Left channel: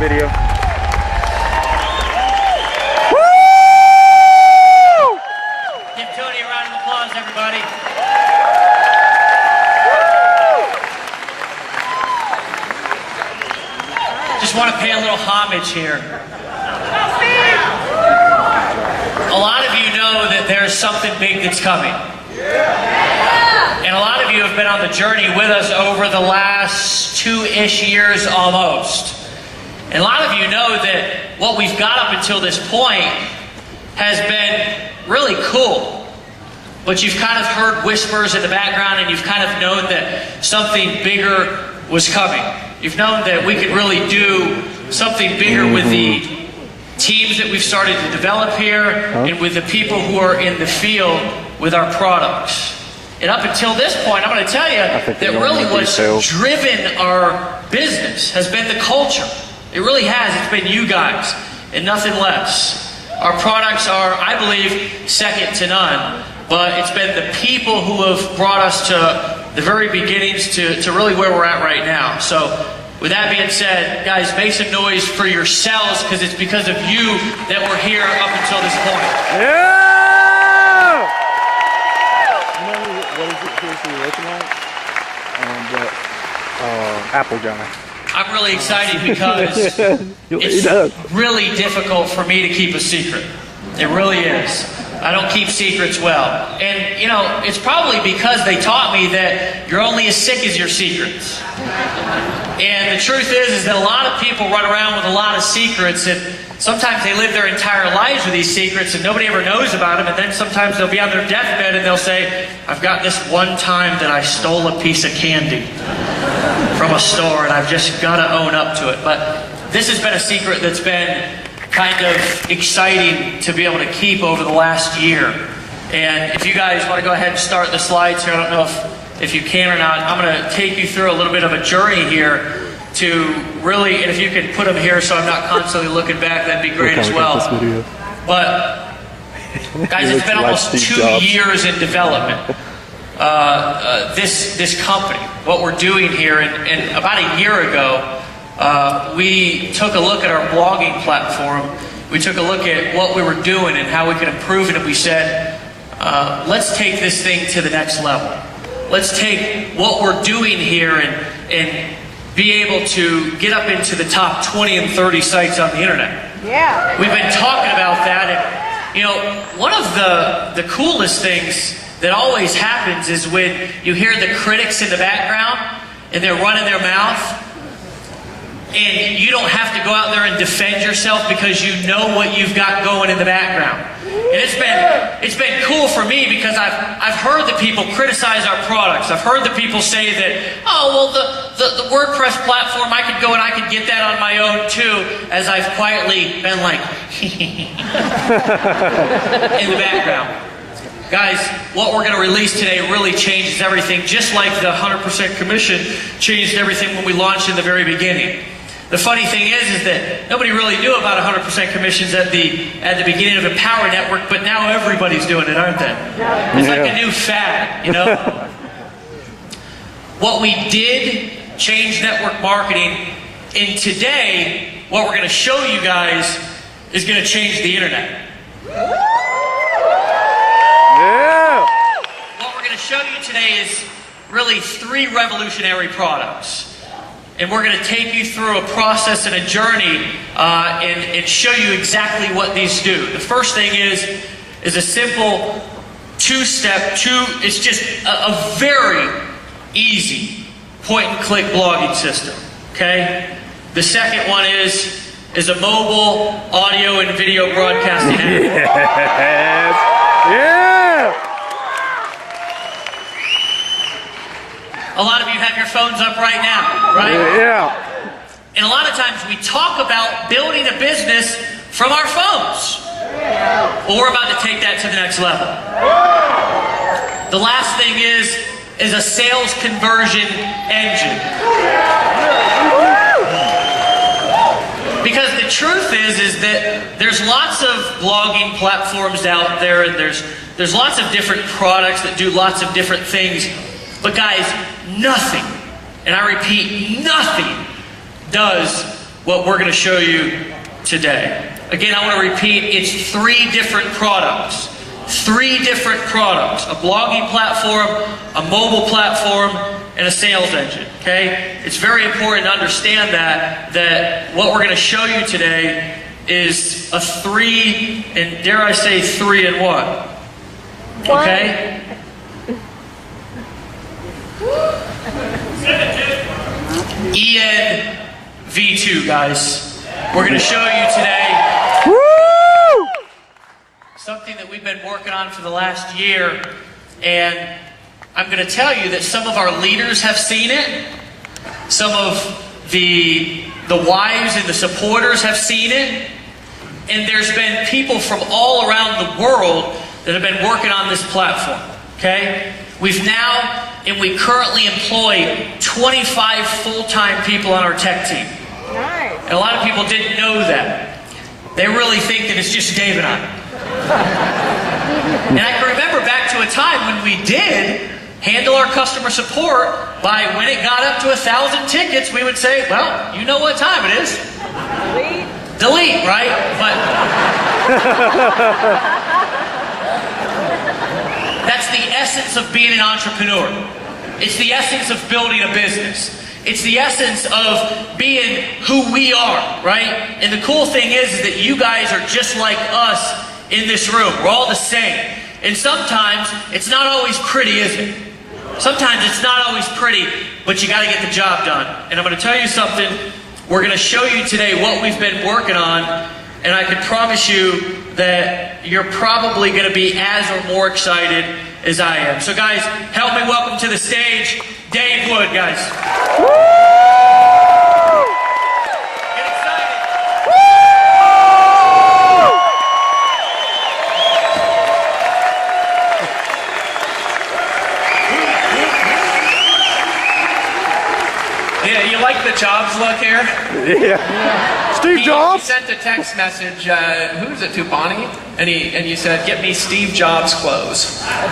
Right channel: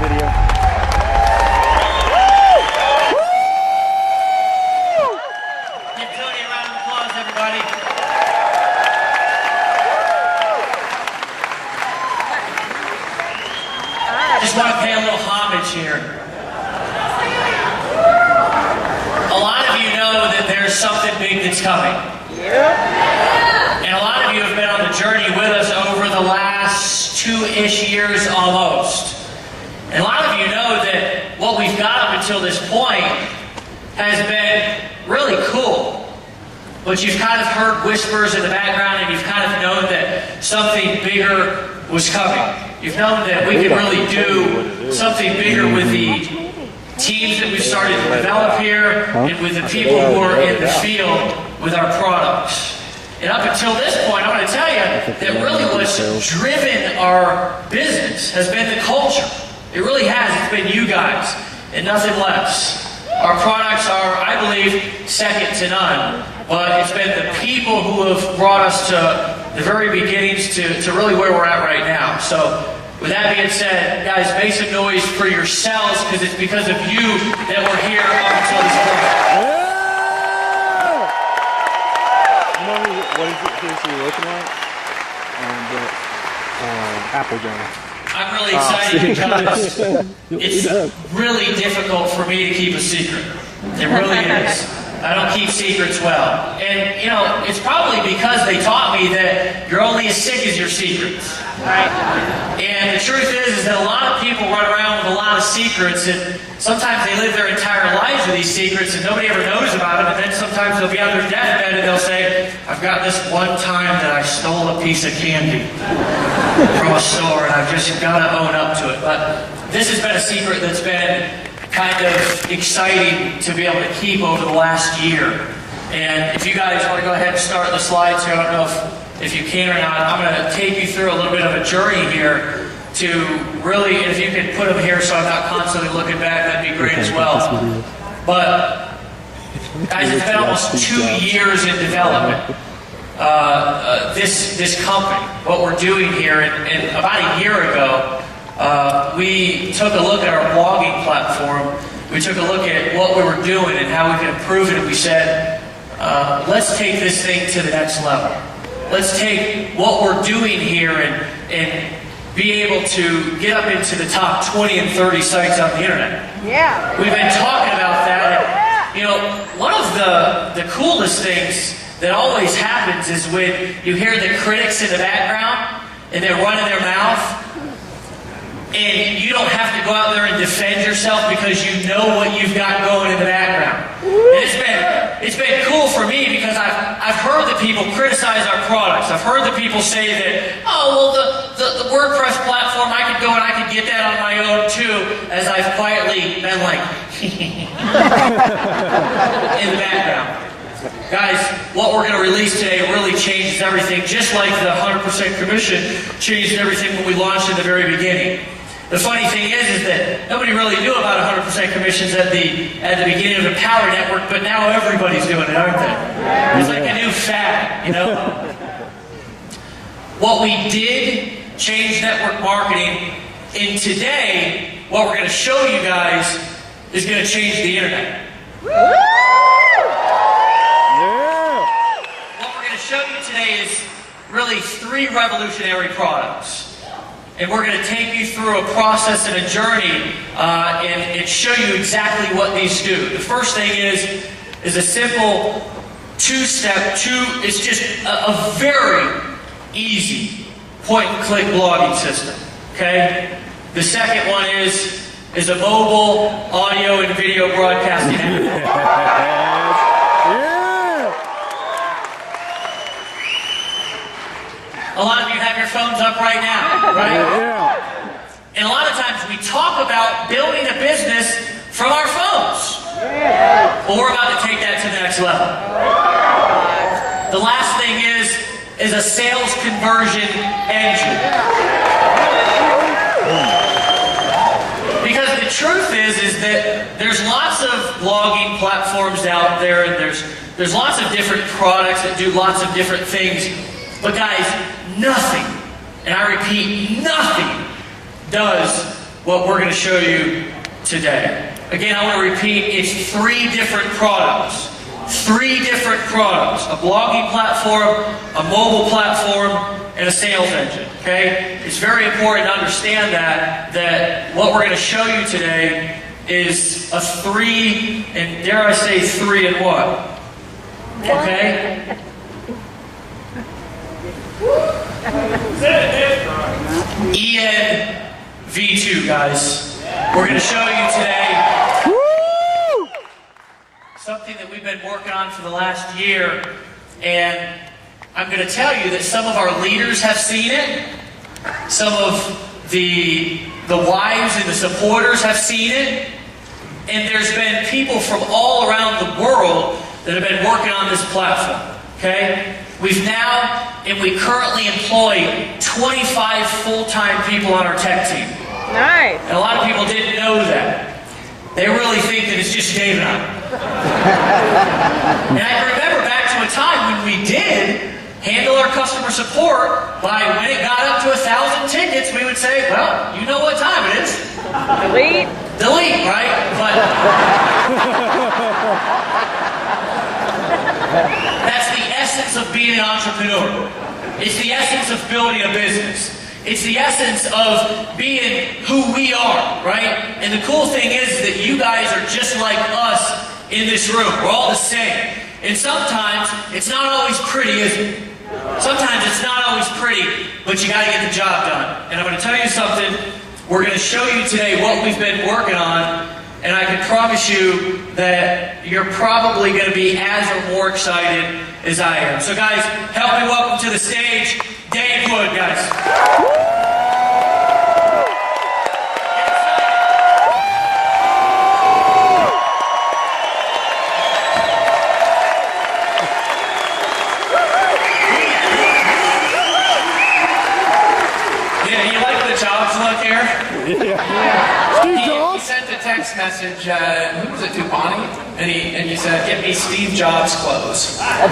video. Give Cody a round of applause, everybody. Just want to pay a little homage here. A lot of you know that there's something big that's coming. And a lot of you have been on the journey with us over the last 2-ish years almost. And a lot of you know that what we've got up until this point has been really cool. But you've kind of heard whispers in the background, and you've kind of known that something bigger was coming. You've known that we could really do something bigger with the teams that we've started to develop here and with the people who are in the field with our products. And up until this point, I'm going to tell you that really what's driven our business has been the culture. It really has. It's been you guys and nothing less. Our products are, I believe, second to none. But it's been the people who have brought us to the very beginnings to really where we're at right now. So with that being said, guys, make some noise for yourselves, because it's because of you that we're here up until this point. Yeah! You know what is it seriously looking like? Apple guy. I'm really excited because it's really difficult for me to keep a secret. It really is. I don't keep secrets well. And, you know, it's probably because they taught me that you're only as sick as your secrets. And the truth is that a lot of people run around with a lot of secrets, and sometimes they live their entire lives with these secrets and nobody ever knows about them, and then sometimes they'll be on their deathbed and they'll say, I've got this one time that I stole a piece of candy from a store and I've just got to own up to it. But this has been a secret that's been kind of exciting to be able to keep over the last year. And if you guys want to go ahead and start the slides here, I don't know if you can or not, I'm going to take you through a little bit of a journey here to really, and if you could put them here so I'm not constantly looking back, that'd be great as well. But guys, it's been almost 2 years in development. This company, what we're doing here, and about a year ago, we took a look at our blogging platform. We took a look at what we were doing and how we could improve it, and we said, let's take this thing to the next level. Let's take what we're doing here and be able to get up into the top 20 and 30 sites on the internet. Yeah. We've been talking about that, and you know, one of the coolest things that always happens is when you hear the critics in the background and they're running their mouth, and you don't have to go out there and defend yourself because you know what you've got going in the background. And it's been cool for me because I've heard that people criticize our products. I've heard that people say that, oh, well, the WordPress platform, I could go and I could get that on my own too, as I've quietly been like, in the background. Guys, what we're going to release today really changes everything, just like the 100% commission changed everything when we launched in the very beginning. The funny thing is that nobody really knew about 100% commissions at the beginning of the Power Network, but now everybody's doing it, aren't they? It's like a new fad, you know? What we did change network marketing, and today, what we're going to show you guys is going to change the internet. What we're going to show you today is really 3 revolutionary products. And we're going to take you through a process and a journey and show you exactly what these do. The first thing is a simple it's just a very easy point-and-click blogging system, okay? The second one is a mobile audio and video broadcasting app. A lot of you have your phones up right now, right? Yeah. And a lot of times we talk about building a business from our phones. Well, we're about to take that to the next level. The last thing is a sales conversion engine. Because the truth is that there's lots of blogging platforms out there, and there's lots of different products that do lots of different things. But guys, nothing, and I repeat, nothing does what we're going to show you today. Again, I want to repeat, it's 3 different products. 3 different products. A blogging platform, a mobile platform, and a sales engine. Okay? It's very important to understand that what we're going to show you today is a 3, and dare I say 3 in 1. Okay? ENV2, guys. We're going to show you today something that we've been working on for the last year, and I'm going to tell you that some of our leaders have seen it, some of the wives and the supporters have seen it, and there's been people from all around the world that have been working on this platform, okay? We've now, and we currently employ 25 full-time people on our tech team. Nice. And a lot of people didn't know that. They really think that it's just Dave and I. And I can remember back to a time when we did handle our customer support by when it got up to 1,000 tickets, we would say, well, you know what time it is. Delete. Delete, right? But that's the essence of being an entrepreneur. It's the essence of building a business. It's the essence of being who we are, right? And the cool thing is that you guys are just like us in this room. We're all the same. And sometimes it's not always pretty, is it? Sometimes it's not always pretty, but you got to get the job done. And I'm going to tell you something. We're going to show you today what we've been working on, and I can promise you that you're probably going to be as or more excited as I am. So guys, help me welcome to the stage Dave Wood, guys. Get excited. Yeah, you like the Jobs look here? Yeah. Steve He Jobs? sent a text message, who was it, to Bonnie? And you said, get me Steve Jobs clothes. I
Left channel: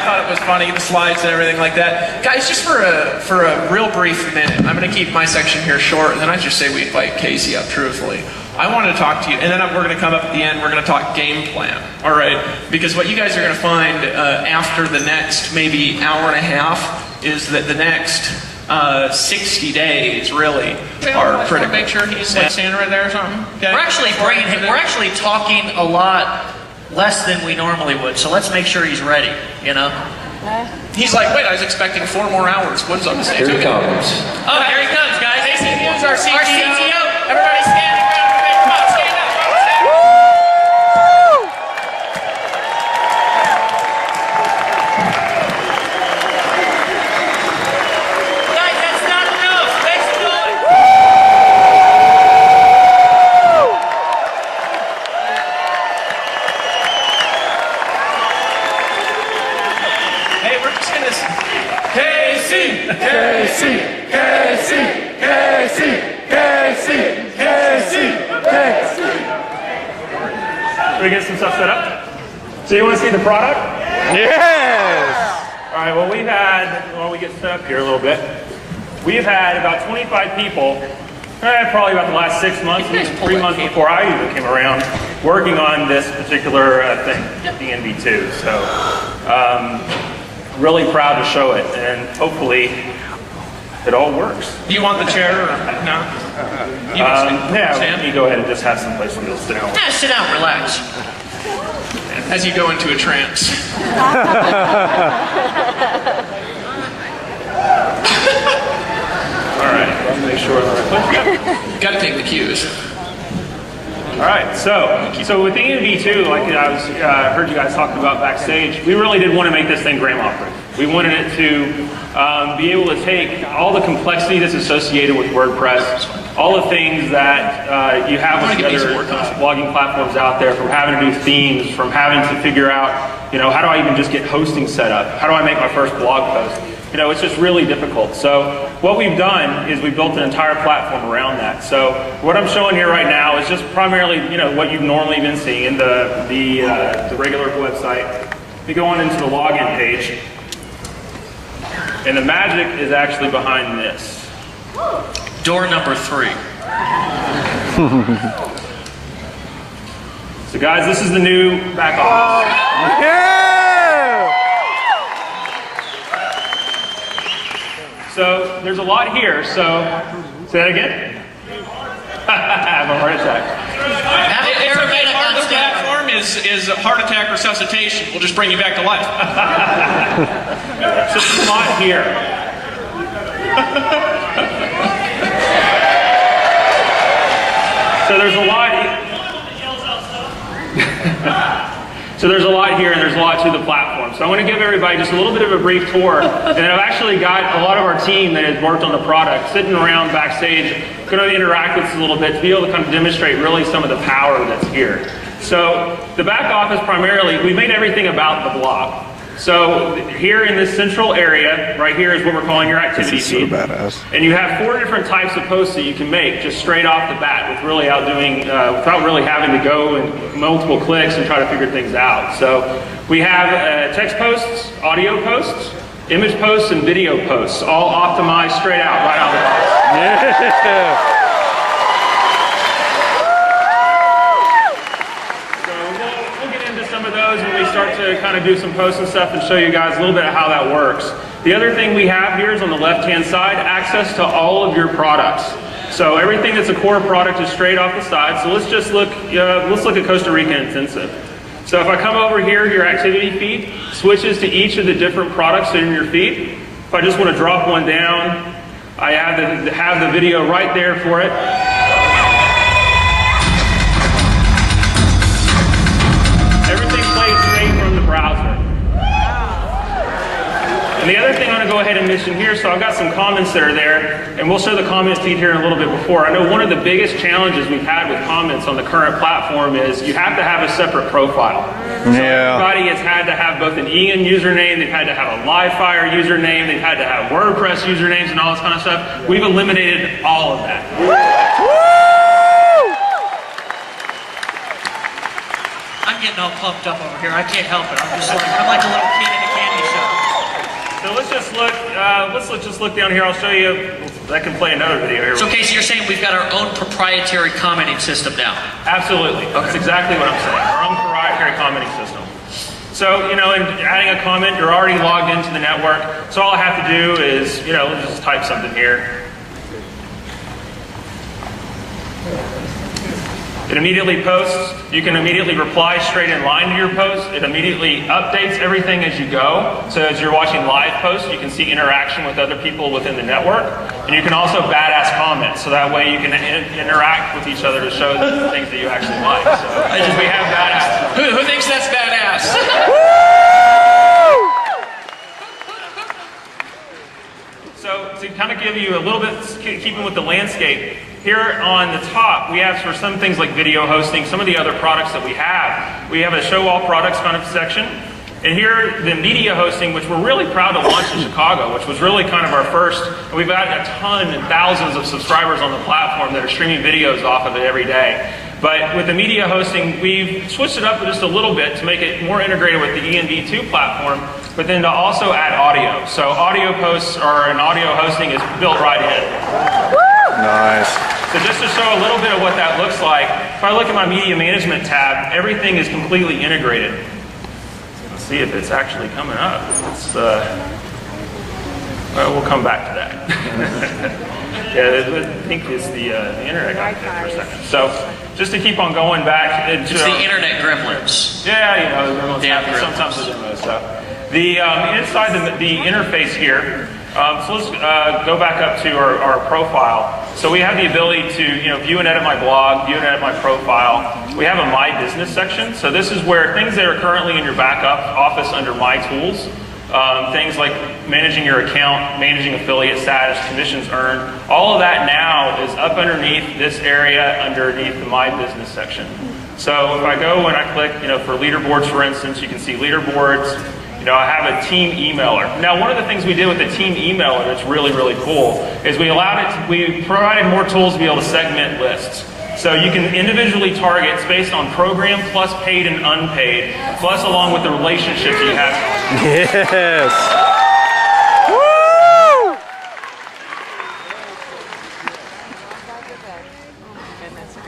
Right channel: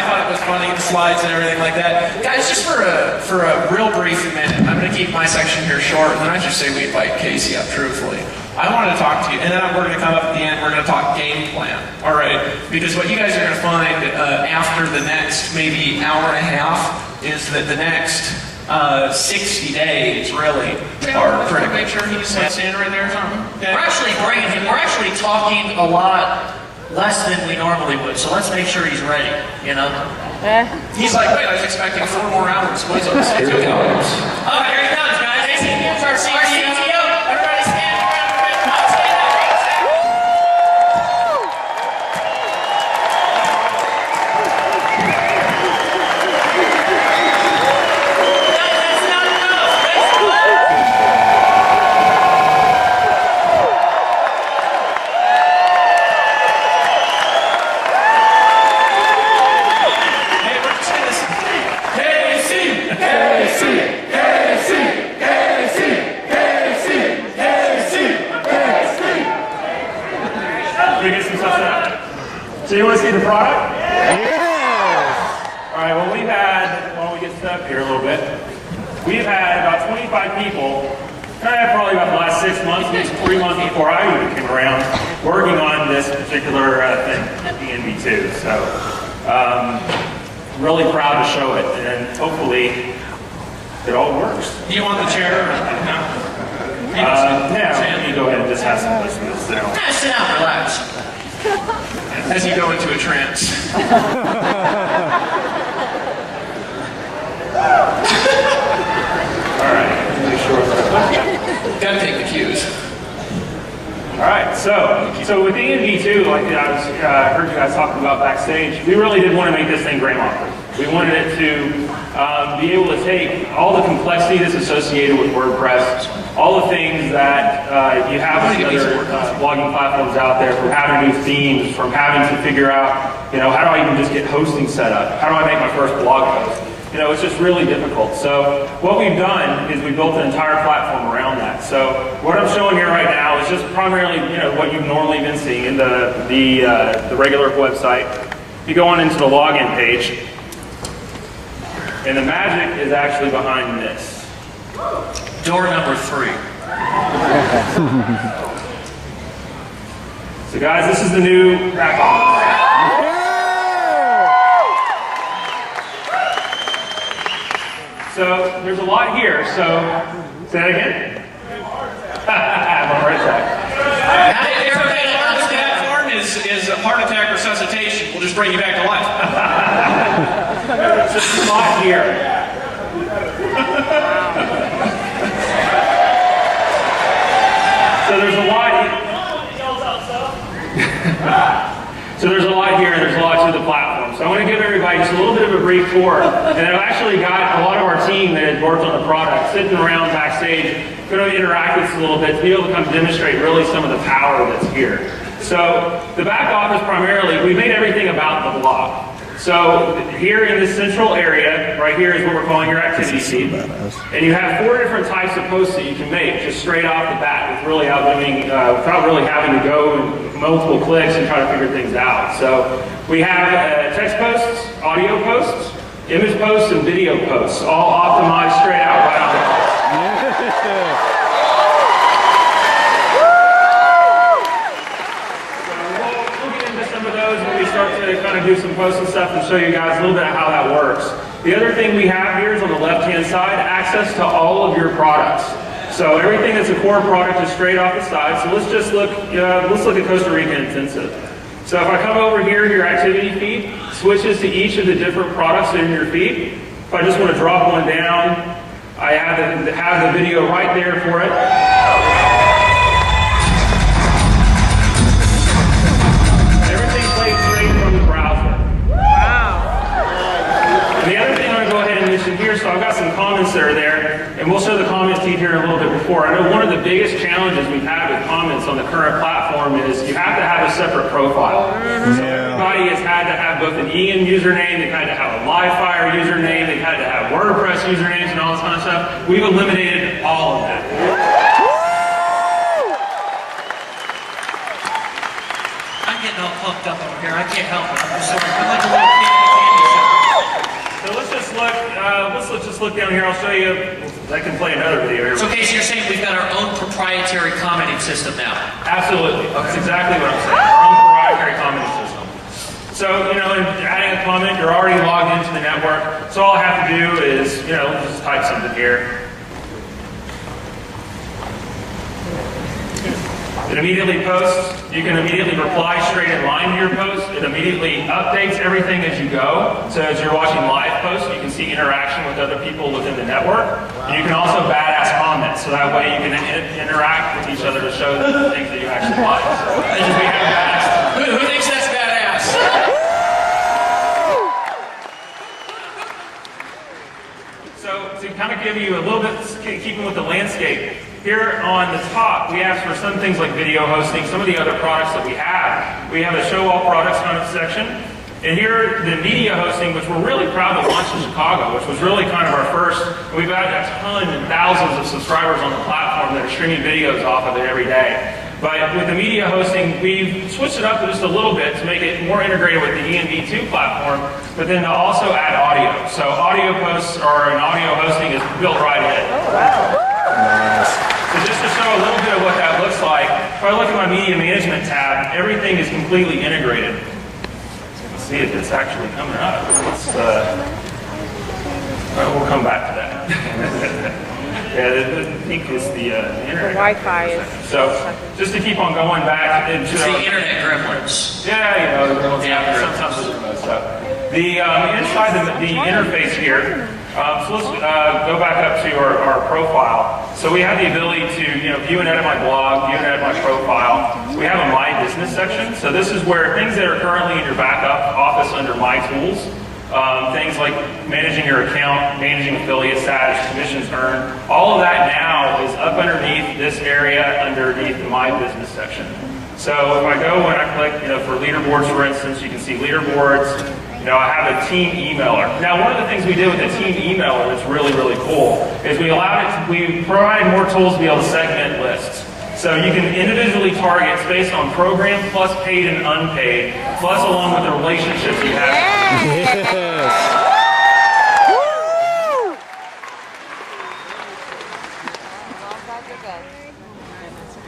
thought it was funny, the slides and everything like that. Guys, just for a real brief minute, I'm going to keep my section here short, and then I just say we invite Casey up, truthfully. I want to talk to you, and then we're going to come up at the end, we're going to talk game plan, all right? Because what you guys are going to find after the next maybe hour and a half is that the next 60 days really are critical. Make sure he's standing right there or something. Okay. We're actually talking a lot less than we normally would, so let's make sure he's ready, you know? He's like, wait, I was expecting 4 more hours. What's up? Here he comes. Oh, here he comes, guys. Here's our CTO. Everybody stand around. Come on, stand up. Stand up. Guys, that's not enough. Hey, we're just going to... Casey! Casey! Casey! Casey! Casey! Casey! Casey! Should we get some stuff set up? So you want to see the product? Yes! All right, well while we get set up here a little bit, we've had about 25 people, probably about the last 6 months, at least 3 months before I even came around, working on this particular thing, the ENV2. So, really proud to show it, and hopefully it all works. Do you want the chair? Or, no? Yeah, you go ahead and just have some place to sit down. Yeah, sit down, relax. As you go into a trance. All right, let's make sure that Gotta take the cues. All right, so with the ENV2, like I heard you guys talking about backstage, we really did want to make this thing grandma-proof. We wanted it to be able to take all the complexity that's associated with WordPress, all the things that you have with the other blogging platforms out there, from having to do themes, from having to figure out, how do I even just get hosting set up? How do I make my first blog post? It's just really difficult. So what we've done is we've built an entire platform around that. So what I'm showing here right now is just primarily, what you've normally been seeing in the regular website. You go on into the login page, and the magic is actually behind this. Door number 3. So guys, this is the new back office. So there's a lot here, so say that again. I have a heart attack. Everybody on the platform is a heart attack resuscitation. We'll just bring you back to life. So there's a lot here. So there's a lot. So there's a lot here, and there's a lot to the platform. So I want to give everybody just a little bit of a brief tour. And I've actually got a lot of our team that has worked on the product sitting around backstage, going to interact with us a little bit to be able to kind of demonstrate really some of the power that's here. So the back office primarily, we made everything about the block. So here in this central area, right here is what we're calling your activity feed. And you have 4 different types of posts that you can make just straight off the bat with really without really having to go and multiple clicks and try to figure things out. So we have text posts, audio posts, image posts, and video posts, all optimized straight out right on the box. Yeah. When we start to kind of do some posts and stuff and show you guys a little bit of how that works. The other thing we have here is on the left-hand side, access to all of your products. So everything that's a core product is straight off the side. So let's just look at Costa Rica Intensive. So if I come over here, your activity feed switches to each of the different products in your feed. If I just want to drop one down, I have the video right there for it. And the other thing I'm going to go ahead and mention here, so I've got some comments that are there, and we'll show the comment feed here in a little bit before. I know one of the biggest challenges we've had with comments on the current platform is you have to have a separate profile. So everybody has had to have both an EN username, they've had to have a Livefire username, they've had to have WordPress usernames and all this kind of stuff. We've eliminated all of that. I'm getting all pumped up over here. I can't help it. I'm like a little kid in a candy shop. So let's just look down here. I'll show you. I can play another video here. So Casey, you're saying we've got our own proprietary commenting system now? Absolutely. That's exactly what I'm saying. Our own proprietary commenting system. So, in adding a comment, you're already logged into the network. So all I have to do is, just type something here. It immediately posts. You can immediately reply straight in line to your post. It immediately updates everything as you go. So as you're watching live posts, you can see interaction with other people within the network. And you can also badass comment. So that way you can interact with each other to show the things that you actually like. So we have badass. Who thinks that's badass? So to kind of give you a little bit, keeping with the landscape, here on the top, we have for some things like video hosting, some of the other products that we have a show all products kind of section. And here, the media hosting, which we're really proud to launch in Chicago, which was really kind of our first, and we've got a ton and thousands of subscribers on the platform that are streaming videos off of it every day. But with the media hosting, we've switched it up just a little bit to make it more integrated with the ENV2 platform, but then to also add audio. So audio posts and audio hosting is built right in. Nice. So just to show a little bit of what that looks like, if I look at my media management tab, everything is completely integrated. Let's see if it's actually coming up. We'll come back to that. Yeah, I think it's the internet. Wi-Fi. So just to keep on going back into It's the internet gremlins. Yeah, Yeah, sometimes they do that stuff. The inside the interface here. So let's go back up to our profile. So we have the ability to view and edit my blog, view and edit my profile. We have a My Business section. So this is where things that are currently in your backup office under My Tools, things like managing your account, managing affiliate status, commissions earned, all of that now is up underneath this area underneath the My Business section. So if I go and I click, for leaderboards, for instance, you can see leaderboards. I have a team emailer. Now, one of the things we did with the team emailer that's really, really cool is we provided more tools to be able to segment lists. So you can individually target based on program plus paid and unpaid, plus along with the relationships you have. Yes.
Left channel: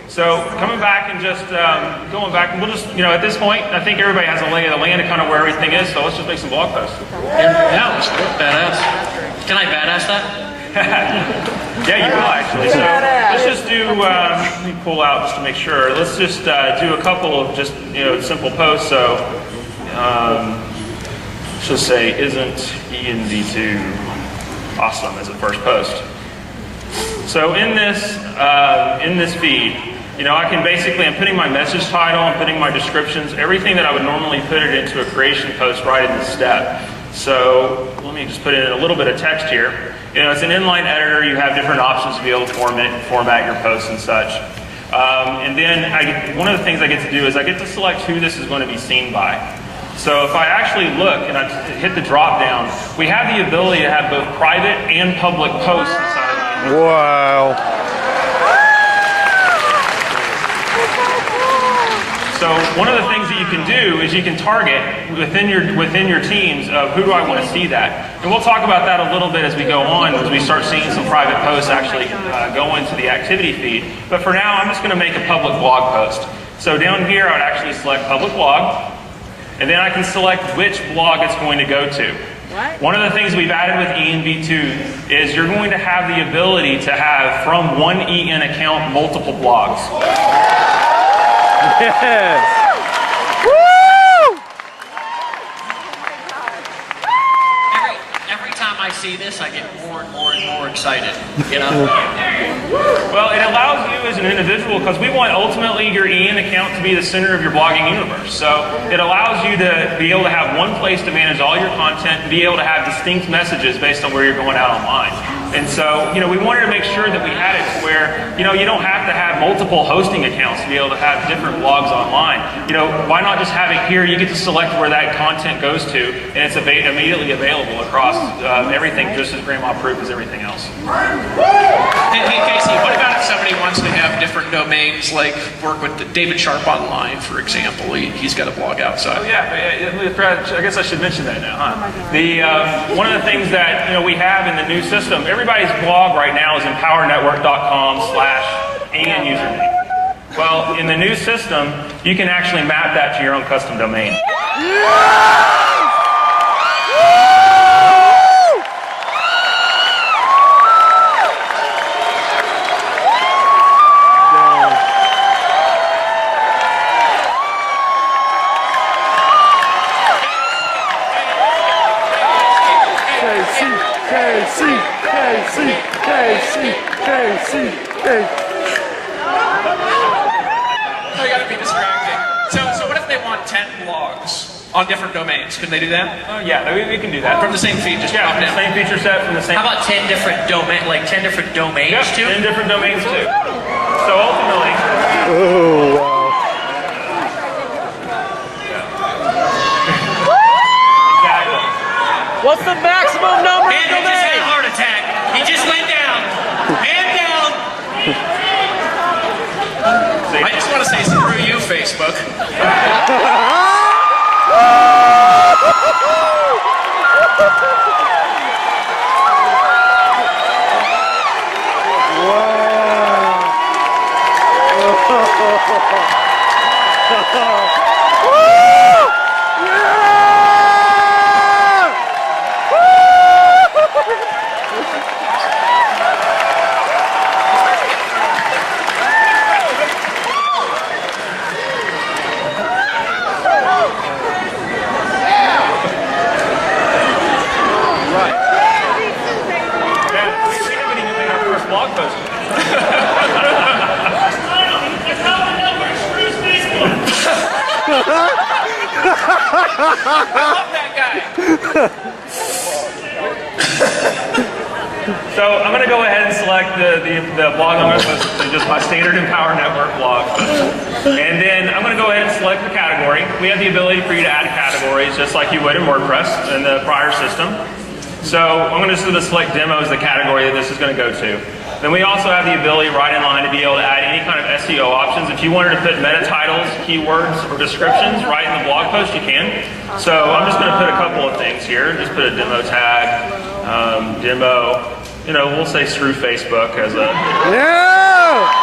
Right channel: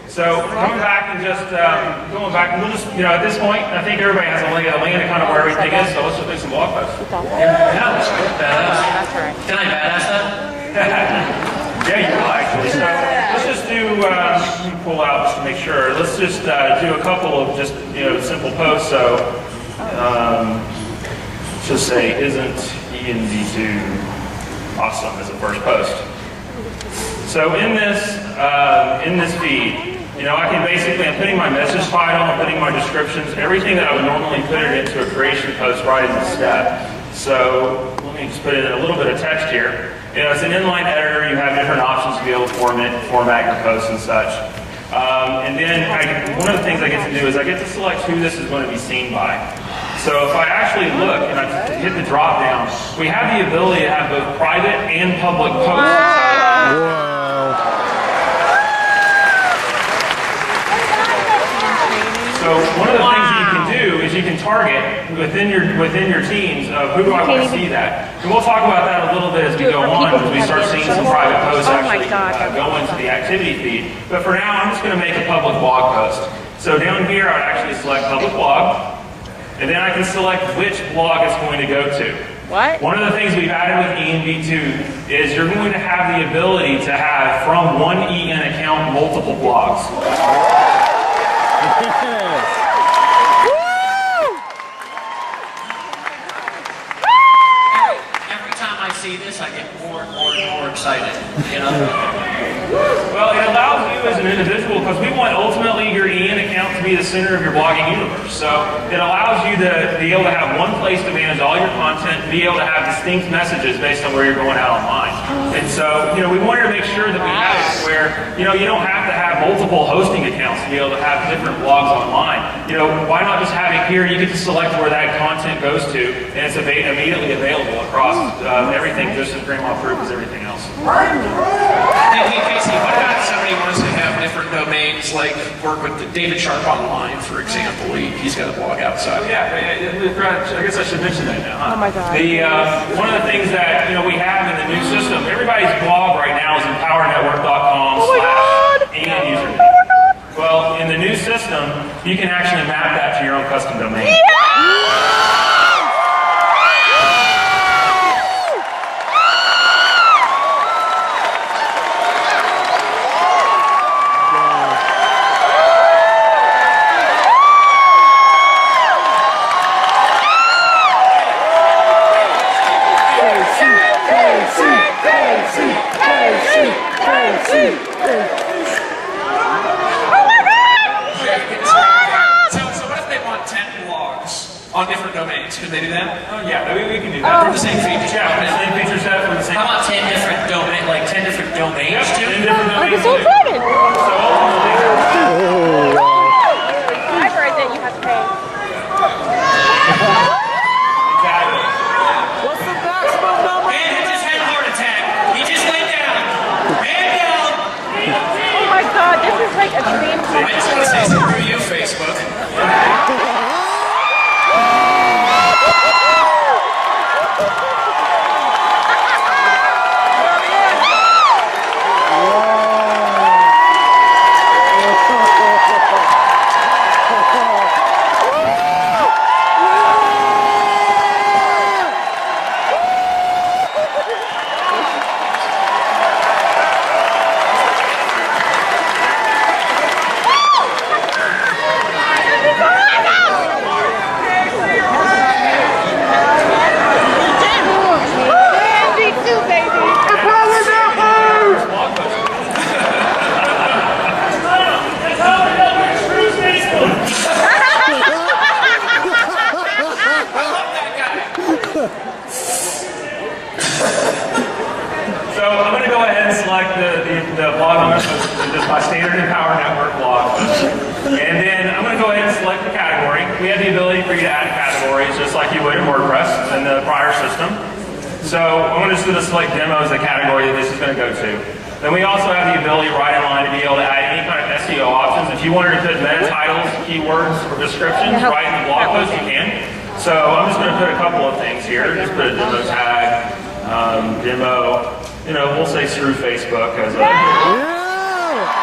So coming back and just going back, and we'll just, at this point, I think everybody has a lay of the land of kind of where everything is, so let's just make some blog posts. Yeah, let's go. Badass. Can I badass that? Yeah, you will actually. So let's just do, let me pull out just to make sure. Let's just do a couple of just, simple posts. So let's just say, isn't ENV2 awesome as a first post? So in this feed, I can basically, I'm putting my message title, I'm putting my descriptions, everything that I would normally put it into a creation post right in the step. So let me just put in a little bit of text here. It's an inline editor. You have different options to be able to format your posts and such. And then one of the things I get to do is I get to select who this is going to be seen by. So if I actually look and I hit the drop down, we have the ability to have both private and public posts inside. Wow. So one of the things that you can do is you can target within your teams of who do I want to see that. And we'll talk about that a little bit as we go on, as we start seeing some private posts actually go into the activity feed. But for now, I'm just going to make a public blog post. So down here, I would actually select public blog, and then I can select which blog it's going to go to. What? One of the things we've added with ENV2 is you're going to have the ability to have, from one EN account, multiple blogs. Yes. Every time I see this, I get more and more excited. Well, it allows you as an individual, because we want ultimately your EN account to be the center of your blogging universe. So it allows you to be able to have one place to manage all your content and be able to have distinct messages based on where you're going out online. And so, we wanted to make sure that we had it where, you don't have to have multiple hosting accounts to be able to have different blogs online. Why not just have it here? You get to select where that content goes to, and it's immediately available across everything, just as grandma-proof as everything else. Hey, Casey, what about if somebody wants to have different domains, like work with David Sharp Online, for example? He's got a blog outside. Oh, yeah, I guess I should mention that now, huh? Oh my God. One of the things that we have in the new system, everybody's blog right now is empowernetwork.com/and username. Well, in the new system, you can actually map that to your own custom domain. So what if they want 10 blogs on different domains? Could they do that? Oh yeah, we can do that. From the same feed, just drop the down. same feature set from the same. How about 10 different domains too? 10 different domains too. So ultimately, Oh, wow. exactly. What's the maximum number? And he just had a heart attack. He just went down. Man down. Oh my God, this is like a dream. I just want to say screw you, Facebook. So I'm going to go ahead and select the blog I'm going to post, just my standard Empower Network blog. And then I'm going to go ahead and select the category. We have the ability for you to add categories just like you would in WordPress in the prior system. So I'm going to just select demo as the category that this is going to go to. Then we also have the ability right in line to be able to add any kind of SEO options. If you wanted to put meta titles, keywords, or descriptions right in the blog post, you can. So I'm just going to put a couple of things here. Just put a demo tag, demo. We'll say screw Facebook as a... Yeah!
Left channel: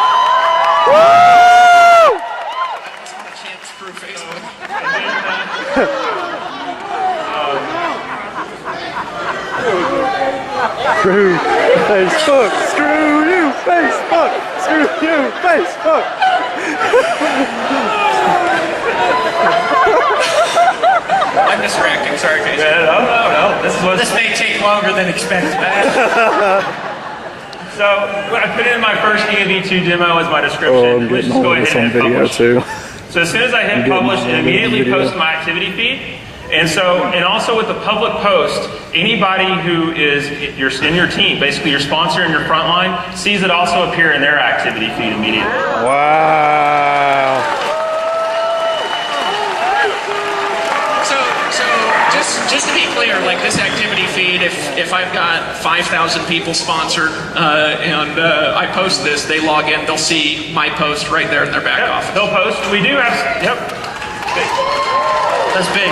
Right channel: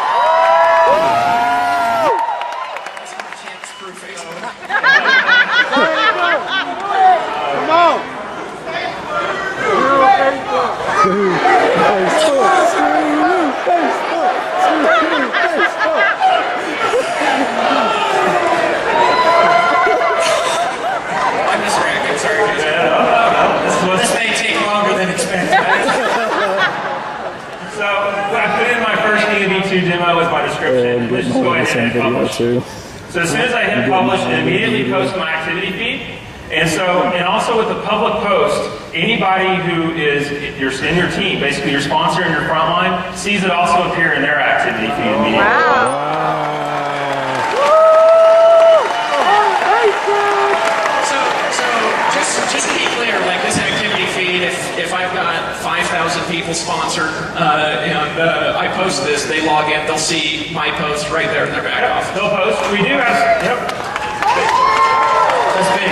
Can't screw Facebook. Screw Facebook. Screw you, Facebook. Screw you, Facebook. I'm distracting. Sorry, guys. No. This may take longer than expected. So I put in my first ENV2 demo as my description. Oh, I'm Let's getting just go all of ahead this on and hit video publish. too. So as soon as I hit publish, it immediately posts my activity feed. And also with the public post, anybody who is in your team, basically your sponsor and your frontline, sees it also appear in their activity feed immediately. Wow. So just to be clear, like this activity feed, if I've got 5,000 people sponsored and I post this, they log in, they'll see my post right there in their back office. They'll post. We do have. That's big.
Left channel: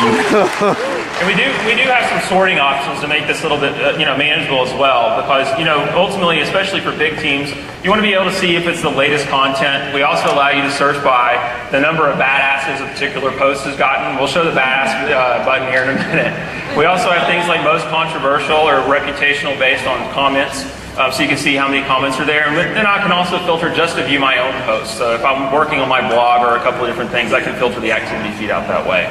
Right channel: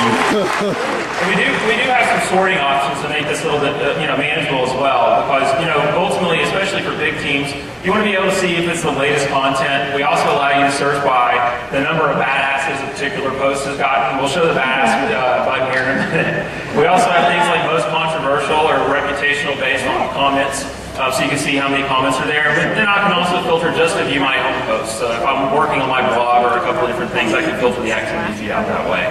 And we do have some sorting options to make this a little bit manageable as well, because ultimately, especially for big teams, you want to be able to see if it's the latest content. We also allow you to search by the number of badasses a particular post has gotten. We'll show the badass button here in a minute. We also have things like most controversial or reputational based on comments. So you can see how many comments are there. But then I can also filter just to view my own posts. So if I'm working on my blog or a couple of different things, I can filter the activity feed out that way.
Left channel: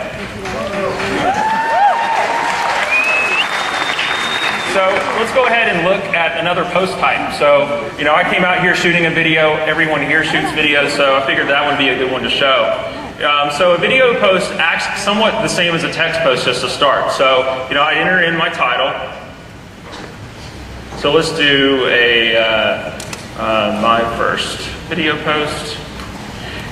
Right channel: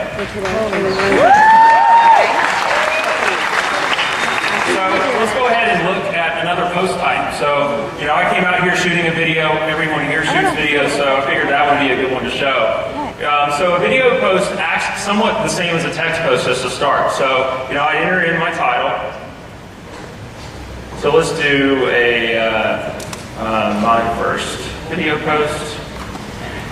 So let's go ahead and look at another post type. So, I came out here shooting a video. Everyone here shoots videos, so I figured that would be a good one to show. So a video post acts somewhat the same as a text post just to start. So, I enter in my title. So let's do my first video post.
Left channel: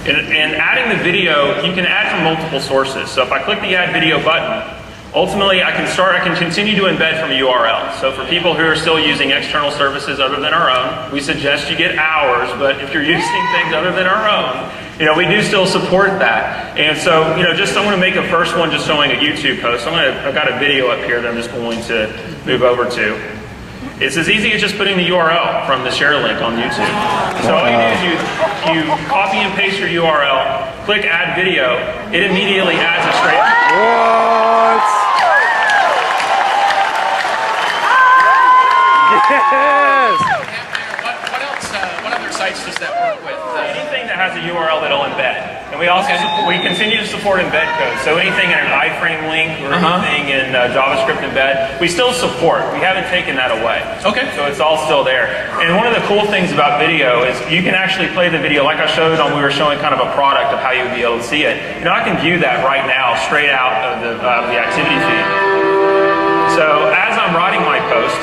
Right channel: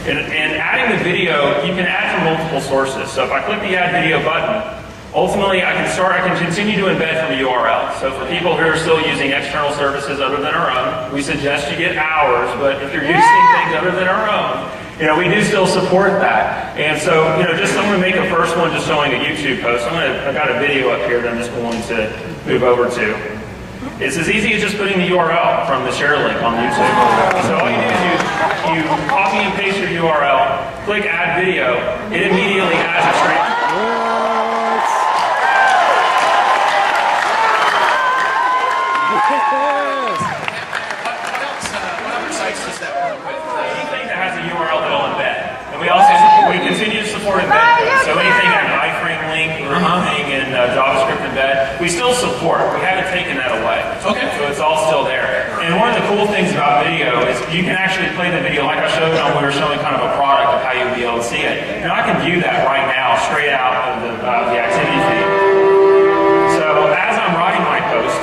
And adding the video, you can add from multiple sources. So if I click the add video button, ultimately I can continue to embed from a URL. So for people who are still using external services other than our own, we suggest you get ours, but if you're using things other than our own, we do still support that. And so, I'm going to make a first one just showing a YouTube post. I've got a video up here that I'm just going to move over to. It's as easy as just putting the URL from the share link on YouTube. So all you do is you copy and paste your URL, click add video, it immediately adds it straight. What? Yes! What other sites does that work with? Anything that has a URL that'll embed. And we also we continue to support embed code. So anything in an iframe link or anything in JavaScript embed, we still support. We haven't taken that away. Okay. So it's all still there. And one of the cool things about video is you can actually play the video like I showed on. We were showing kind of a product of how you'll be able to see it. I can view that right now straight out of the activity feed. So as I'm writing my post,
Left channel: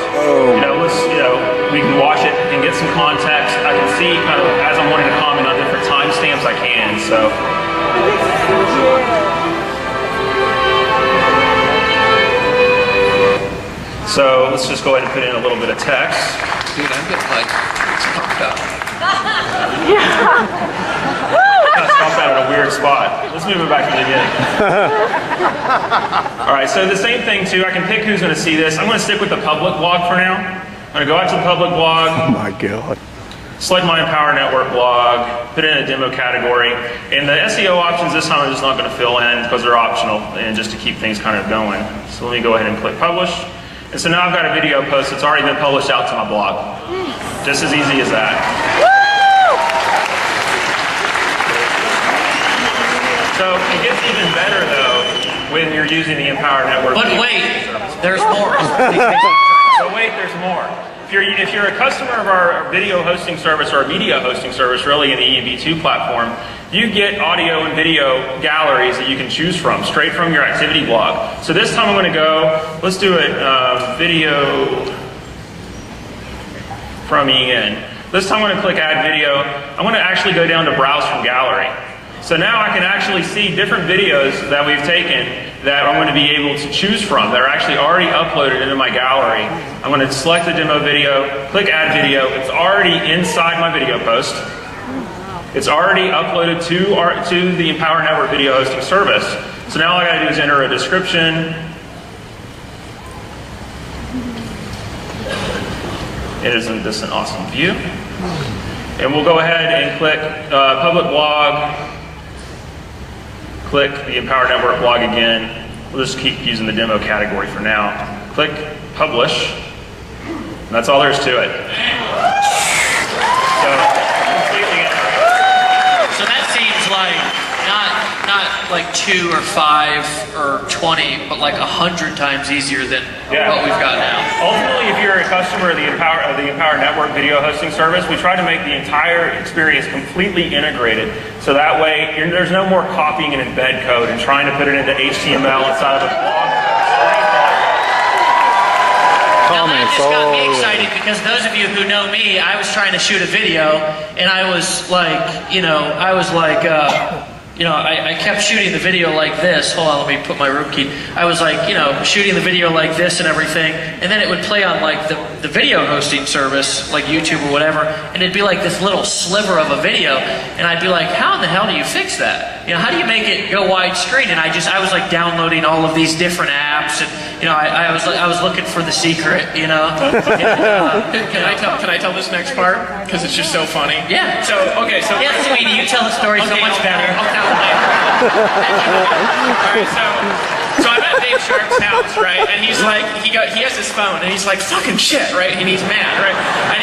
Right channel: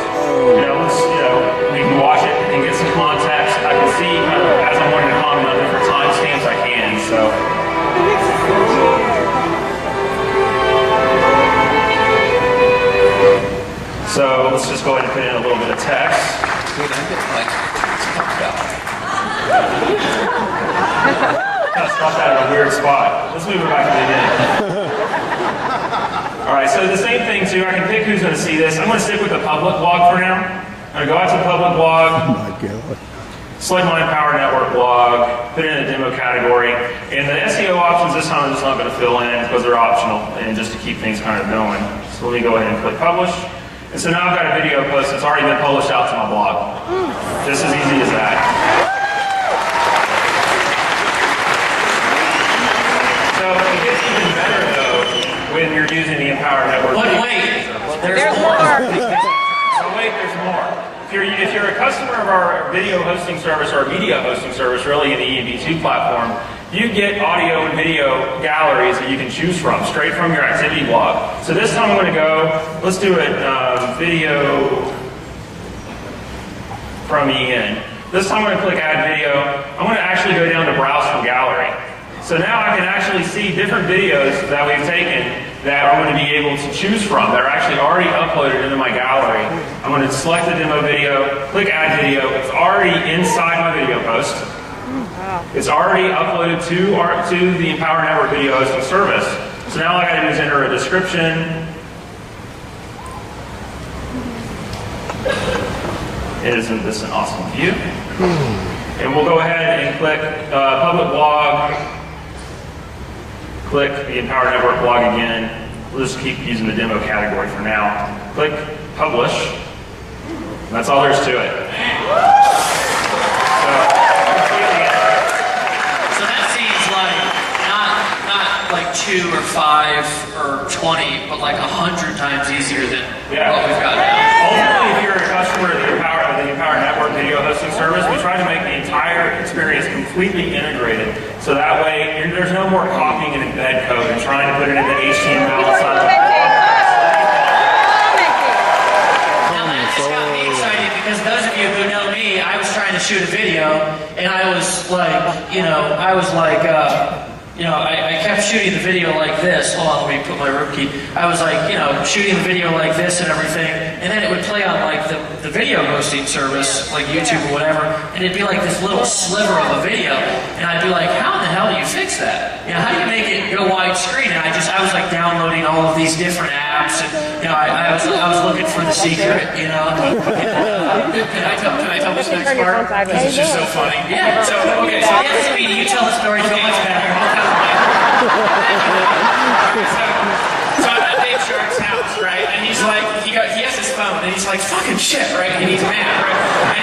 we can watch it and get some context. I can see kind of as I'm wanting to comment on different timestamps I can. So let's just go ahead and put in a little bit of text. Dude, I'm getting pumped up. Kind of stopped that at a weird spot. Let's move it back to the beginning. All right, so the same thing too. I can pick who's going to see this. I'm going to stick with the public blog for now. I'm going to go out to the public blog. Oh my God. Select my Empower Network blog, put in a demo category, and the SEO options this time I'm just not going to fill in because they're optional and just to keep things kind of going. So let me go ahead and click publish. And so now I've got a video post that's already been published out to my blog. Just as easy as that. So it gets even better though when you're using the Empower Network. But wait, there's more. So wait, there's more. If you're a customer of our video hosting service or a media hosting service, really in the ENV2 platform, you get audio and video galleries that you can choose from, straight from your activity blog. So this time I'm going to go, let's do a video from EN. This time I'm going to click add video. I'm going to actually go down to browse from gallery. So now I can actually see different videos that we've taken that I'm going to be able to choose from that are actually already uploaded into my gallery. I'm going to select the demo video, click add video. It's already inside my video post. It's already uploaded to the Empower Network video hosting service. So now all I got to do is enter a description. Isn't this an awesome view? And we'll go ahead and click public blog, click the Empower Network blog again. We'll just keep using the demo category for now. Click publish. That's all there is to it. So that seems like not like 2 or 5 or 20, but like 100 times easier than what we've got now. Ultimately, if you're a customer of the Empower Network video hosting service, we try to make the entire experience completely integrated. So that way, there's no more copying and embed code and trying to put it into HTML inside of the blog. Now that just got me excited because those of you who know me, I was trying to shoot a video and I was like, I kept shooting the video like this. Hold on, let me put my room key. I was like, shooting the video like this and everything, and then it would play on like the video hosting service, like YouTube or whatever, and it'd be like this little sliver of a video, and I'd be like, how in the hell do you fix that? How do you make it go widescreen? And I was like downloading all of these different apps, and I was looking for the secret, Can I tell this next part? Because it's just so funny. Yeah. So Sweetie, you tell the story so much better. So I'm at Dave Shark's house, right? And he's like, he has his phone, and he's like, fucking shit, right? And he's mad, right? And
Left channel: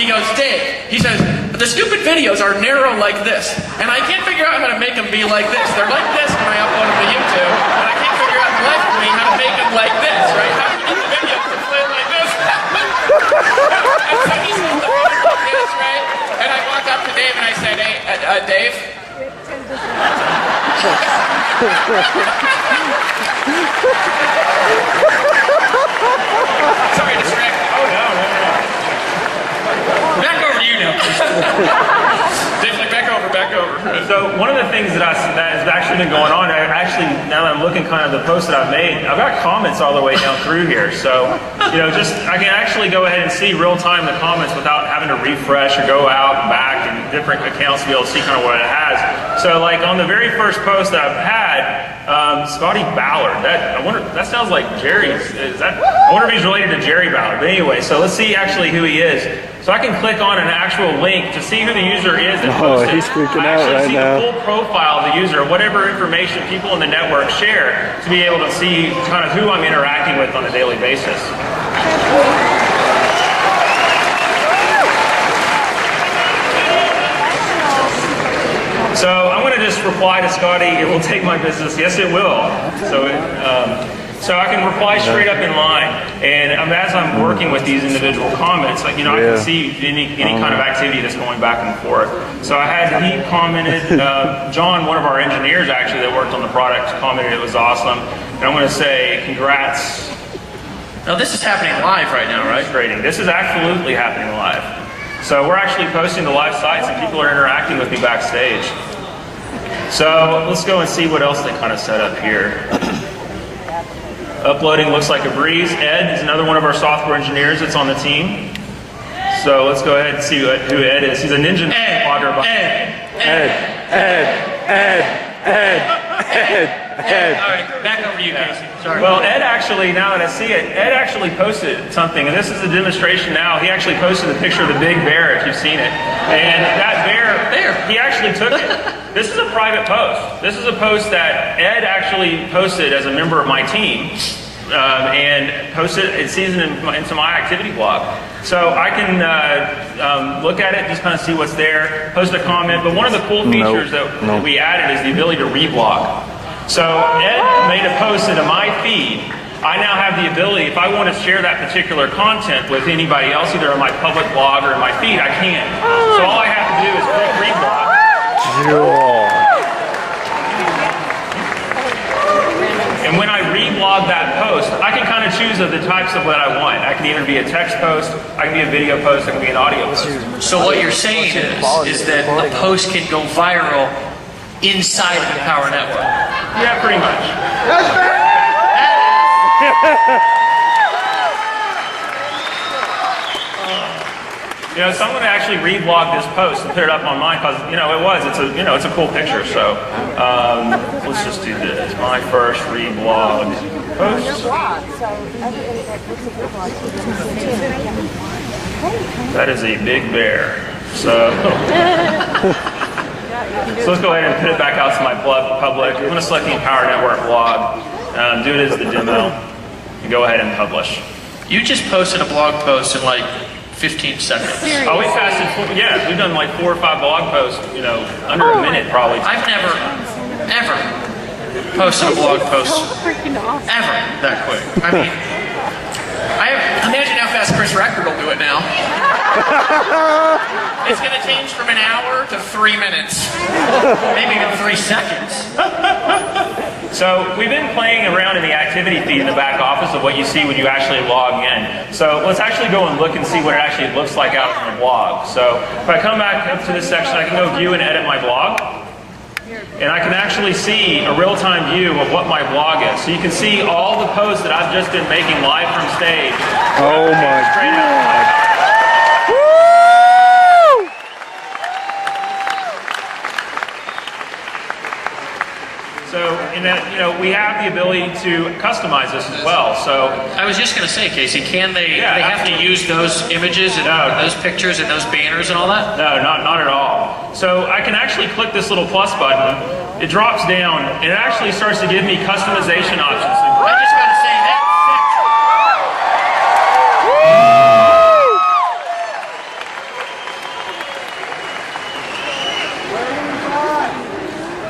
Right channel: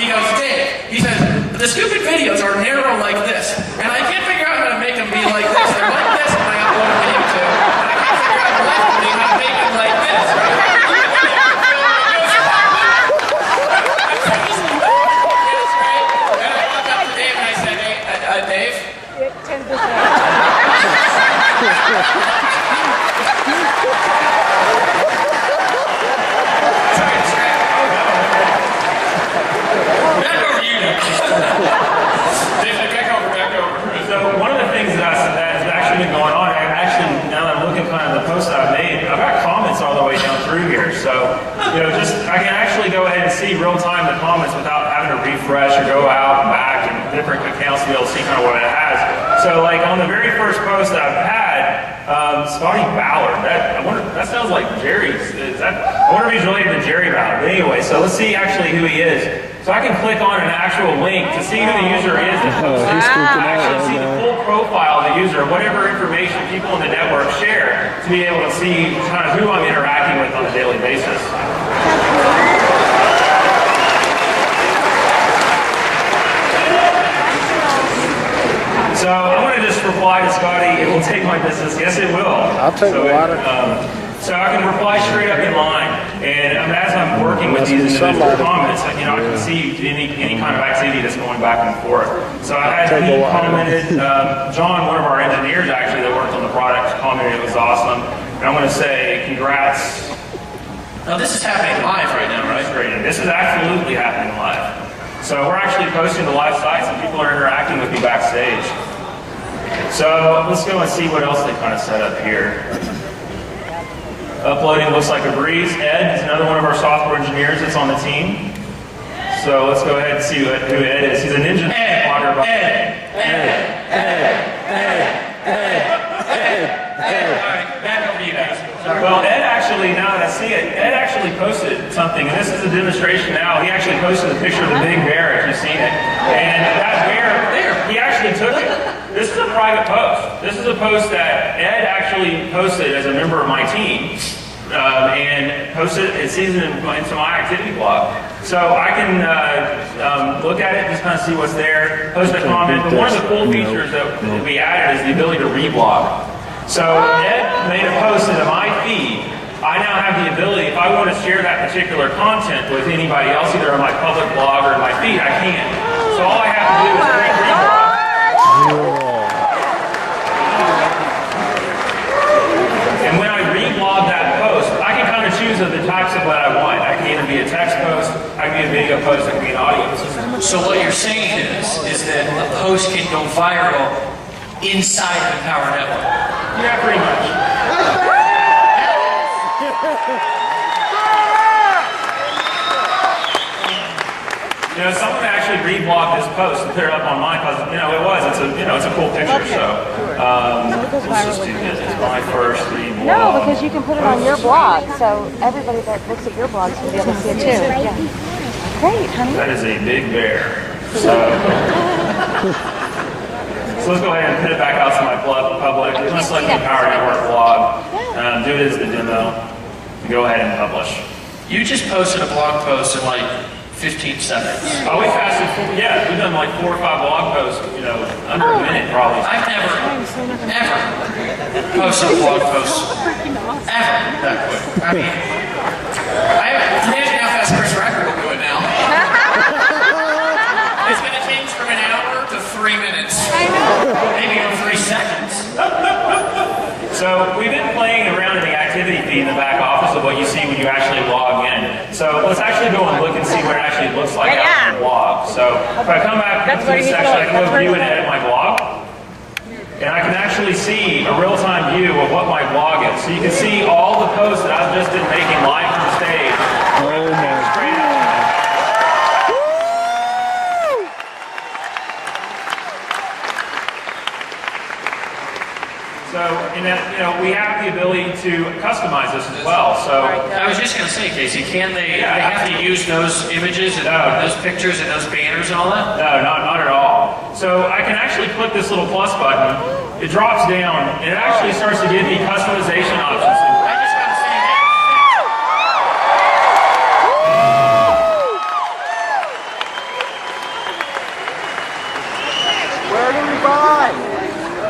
he goes, Dave, he says, the stupid videos are narrow like this, and I can't figure out how to make them be like this. They're like this when I upload them to YouTube, and I can't figure out collectively how to make them like this, right? And I walked up to Dave and I said, hey, Dave? Sorry to distract. Oh, no. Back over to you now. Dave, back over. So one of the things that has actually been going on, now that I'm looking kind of the posts that I've made, I've got comments all the way down through here. So, I can actually go ahead and see real time the comments without having to refresh or go out and back and different accounts to be able to see kind of what it has. So like on the very first post that I've had, Scotty Ballard, that sounds like Jerry's. I wonder if he's related to Jerry Ballard. But anyway, so let's see actually who he is. So I can click on an actual link to see who the user is that posted. He's freaking out right see now. the full profile of the user, whatever information people in the network share, to be able to see kind of who I'm interacting with on a daily basis. So I'm going to just reply to Scotty, it will take my business. Yes, it will. I'll take So I can reply straight up in line, and as I'm working with these individual comments, I can see any kind of activity that's going back and forth. So I had he commented, John, one of our engineers actually that worked on the product, commented it was awesome, and I'm going to say congrats. Now this is happening live right now, right? This is absolutely happening live. So we're actually posting to live sites, and people are interacting with me backstage. So let's go and see what else they kind of set up here. Uploading looks like a breeze. Ed is another one of our software engineers that's on the team. So let's go ahead and see who Ed is. He's a ninja blogger. Ed. All right, back over to you guys. Sorry. Well, Ed actually, now that I see it, Ed actually posted something, and this is a demonstration now. He actually posted a picture of the big bear, if you've seen it. And that bear, he actually took it. This is a private post. This is a post that Ed actually posted as a member of my team, and posted it season into my activity blog. So I can look at it, just kind of see what's there, post a comment. But one of the cool features that we added is the ability to reblog. So Ed made a post into my feed. I now have the ability, if I want to share that particular content with anybody else, either on my public blog or in my feed, I can. So all I have to do is click reblog. And when I reblog that post, I can kind of choose the types of what I want. I can either be a text post, I can be a video post, I can be an audio post. So what you're saying is that a post can go viral inside of the Empower Network. Yeah, pretty much. Someone actually reblogged this post and put it up on mine because it's a cool picture. So let's just do this. It's my first reblog. No, because you can put it on your blog, so everybody that looks at your blog can be able to see it too. Yeah. Great, honey. That is a big bear. So let's go ahead and put it back out to my public. I'm going to select the Empower Network blog, do it as the demo, and go ahead and publish. You just posted a blog post in like 15 seconds. Oh, we fasted, yeah, we've done like 4 or 5 blog posts, under a minute probably. I've never, ever posted a blog post ever that quick. I mean, imagine how fast Chris Racker will do it now. It's going to change from an hour to 3 minutes. Maybe even 3 seconds. So we've been playing around in the activity feed in the back office of what you see when you actually log in. So let's actually go and look and see what it actually looks like out in the blog. So if I come back into this section, I can go view and edit my blog. And I can actually see a real-time view of what my blog is. So you can see all the posts that I've just been making live from stage. Oh my God. So, and then, we have the ability to customize this as well. So, I was just going to say, Casey, can they? Yeah, they have to use those images and those pictures and those banners and all that? no, not at all. So I can actually click this little plus button. It drops down, and it actually starts to give me customization options. I just got to say that.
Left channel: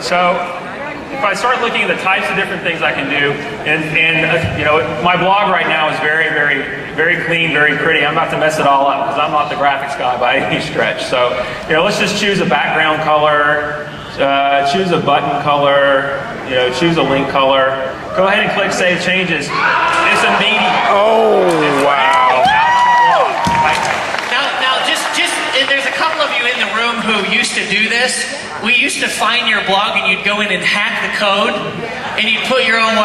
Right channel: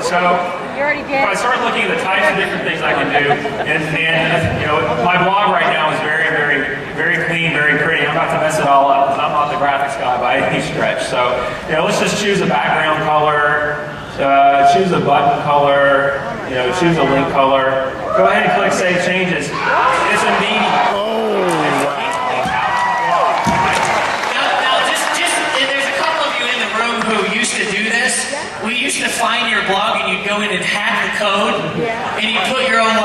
So if I start looking at the types of different things I can do, and my blog right now is very, very, very clean, very pretty. I'm about to mess it all up because I'm not the graphics guy by any stretch. So let's just choose a background color, choose a button color, choose a link color. Go ahead and click Save Changes. It's immediate. Oh, wow. Now, just there's a couple of you in the room who used to do this. We used to find your blog and you'd go in and hack the code and you'd put your own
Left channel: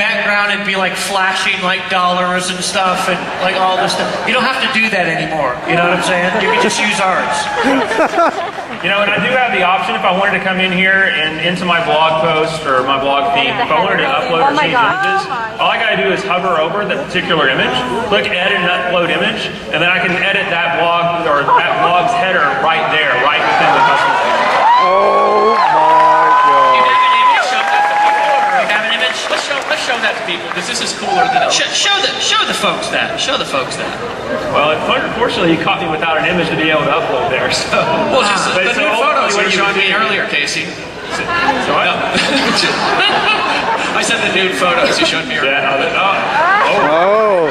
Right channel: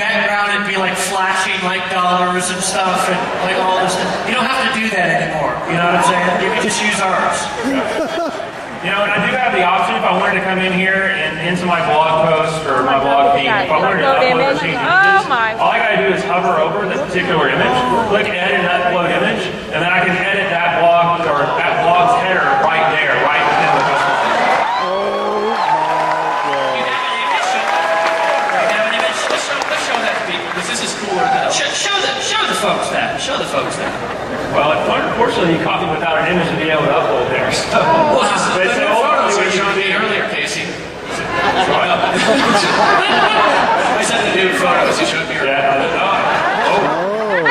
background and be like flashing like dollars and stuff and like all this stuff. You don't have to do that anymore. You know what I'm saying? You can just use ours. And I do have the option if I wanted to come in here and into my blog post or my blog feed, if I wanted to upload or change images, all I gotta do is hover over the particular image, click edit and upload image, and then I can edit that blog or that blog's header right there, right within the custom. Oh my You God. have an image? You have an image? Let's show that to people because this is cooler than it. Show the folks that. Show the folks that. Well, unfortunately, you caught me without an image to be able to upload there. So, Well, just the but new photos what you showed me do- earlier, Casey. So I, I said the nude photos you showed me earlier. Oh.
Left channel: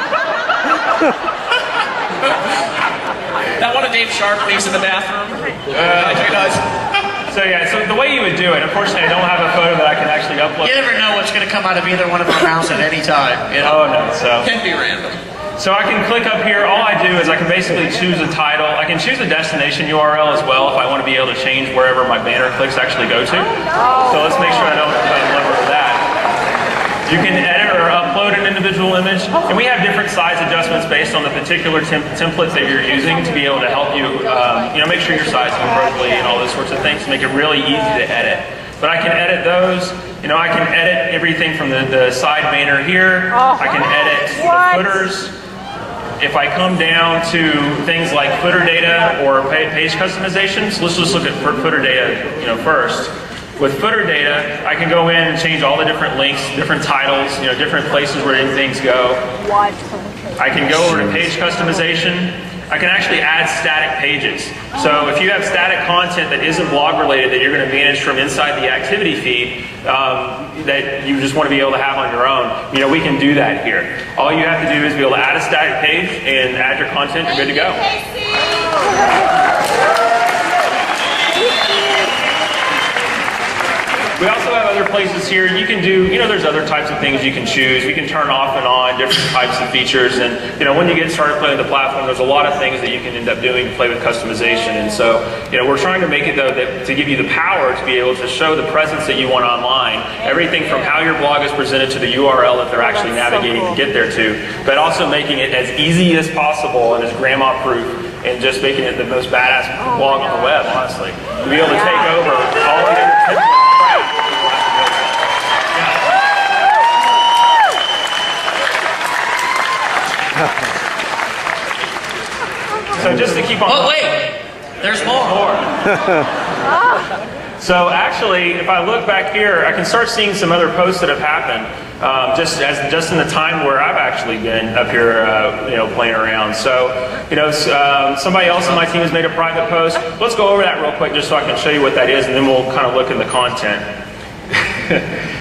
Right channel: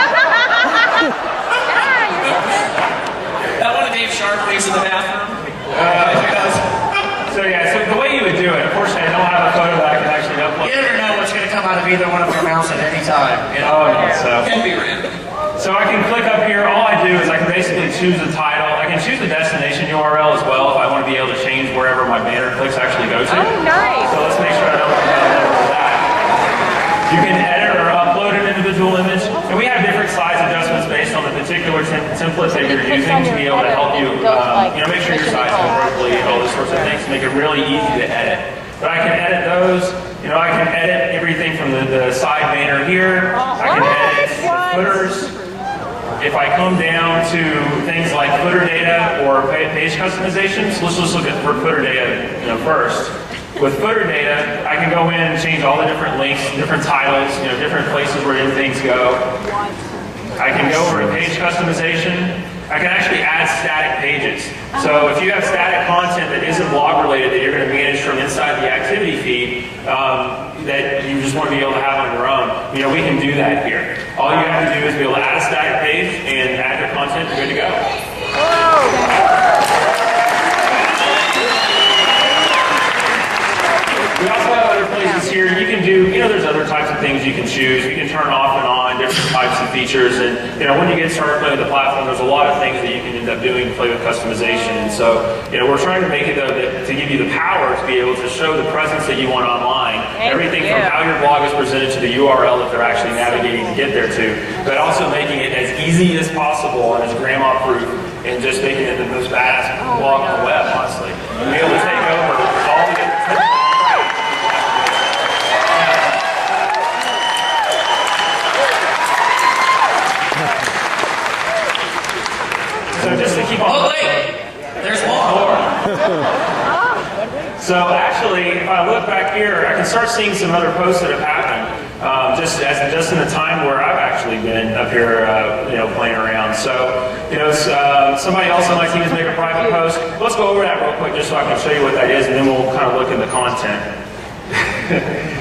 That one of Dave Sharpley's in the bathroom. So the way you would do it, unfortunately, I don't have a photo that I can actually upload. You never know what's going to come out of either one of our mouths at any time. Oh, no, so. Can be random. So I can click up here. All I do is I can basically choose a title. I can choose a destination URL as well if I want to be able to change wherever my banner clicks actually go to. nice. So let's make sure I don't remember that. You can edit or upload an individual image, and we have different size adjustments based on the particular template that you're using to be able to help you, make sure your size is appropriately and all those sorts of things to make it really easy to edit. But I can edit those. I can edit everything from the side banner here. I can edit the footers. If I come down to things like footer data or page customizations, let's just look at footer data, first. With footer data, I can go in and change all the different links, different titles, different places where things go. I can go over to page customization. I can actually add static pages. So if you have static content that isn't blog related that you're going to manage from inside the activity feed that you just want to be able to have on your own, we can do that here. All you have to do is be able to add a static page and add your content, you're good to go. We also have other places here. You can do, there's other types of things you can choose. You can turn off and on different types of features. And, when you get started playing with the platform, there's a lot of things that you can end up doing to play with customization. And so, we're trying to make it, though, to give you the power to be able to show the presence that you want online. Everything from how your blog is presented to the URL that they're actually navigating to get there to, but also making it as easy as possible and as grandma-proof and just making it the most badass blog on the web, honestly. To be able to take over all the other So just to keep on. Oh, wait. There's more. So actually, if I look back here, I can start seeing some other posts that have happened just in the time where I've actually been up here, playing around. So, somebody else on my team has made a private post. Let's go over that real quick just so I can show you what that is, and then we'll kind of look in the content.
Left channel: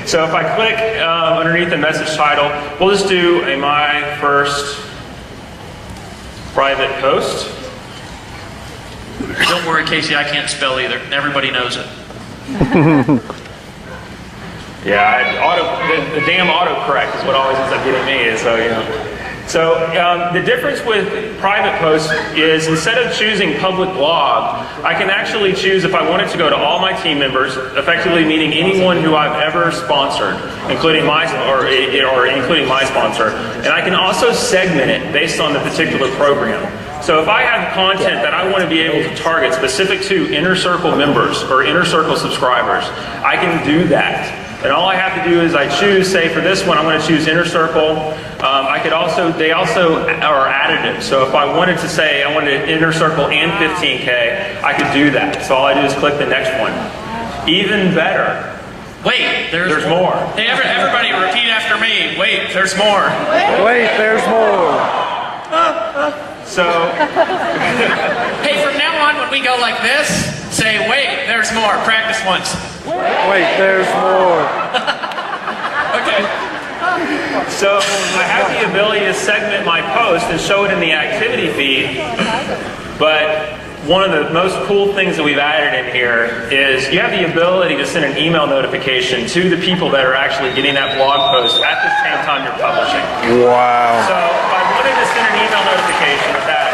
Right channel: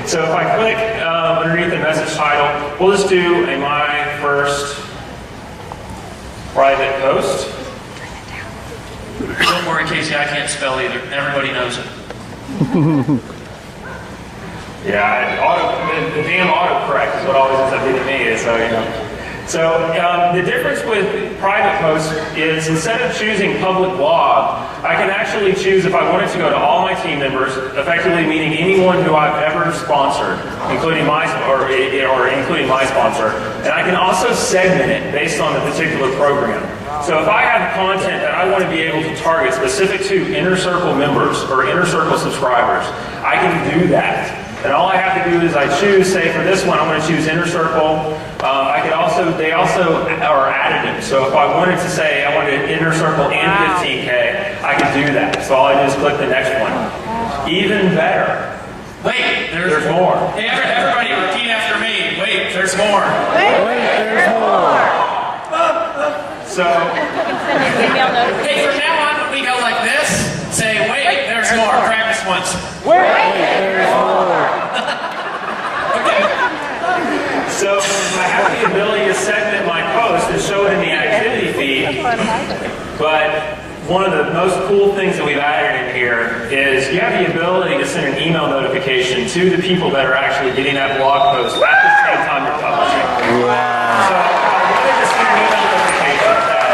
So if I click underneath the message title, we'll just do a my first private post. Don't worry, Casey, I can't spell either. Everybody knows it. Yeah, the damn autocorrect is what always ends up getting me. So the difference with private posts is instead of choosing public blog, I can actually choose if I wanted to go to all my team members, effectively meaning anyone who I've ever sponsored, including my sponsor, and I can also segment it based on the particular program. So if I have content that I want to be able to target specific to Inner Circle members or Inner Circle subscribers, I can do that. And all I have to do is I choose, say for this one, I'm going to choose Inner Circle. They also are additive. So if I wanted to say I wanted Inner Circle and 15K, I could do that. So all I do is click the next one. Even better. Wait, there's more. Hey, everybody repeat after me. Wait, there's more. Wait, there's more. So, hey, from now on, when we go like this, say, wait, there's more. Practice once. Wait, there's more. Okay. So I have the ability to segment my post and show it in the activity feed, but one of the most cool things that we've added in here is you have the ability to send an email notification to the people that are actually getting that blog post at the same time you're publishing. Wow. So if I wanted to send an email notification to that,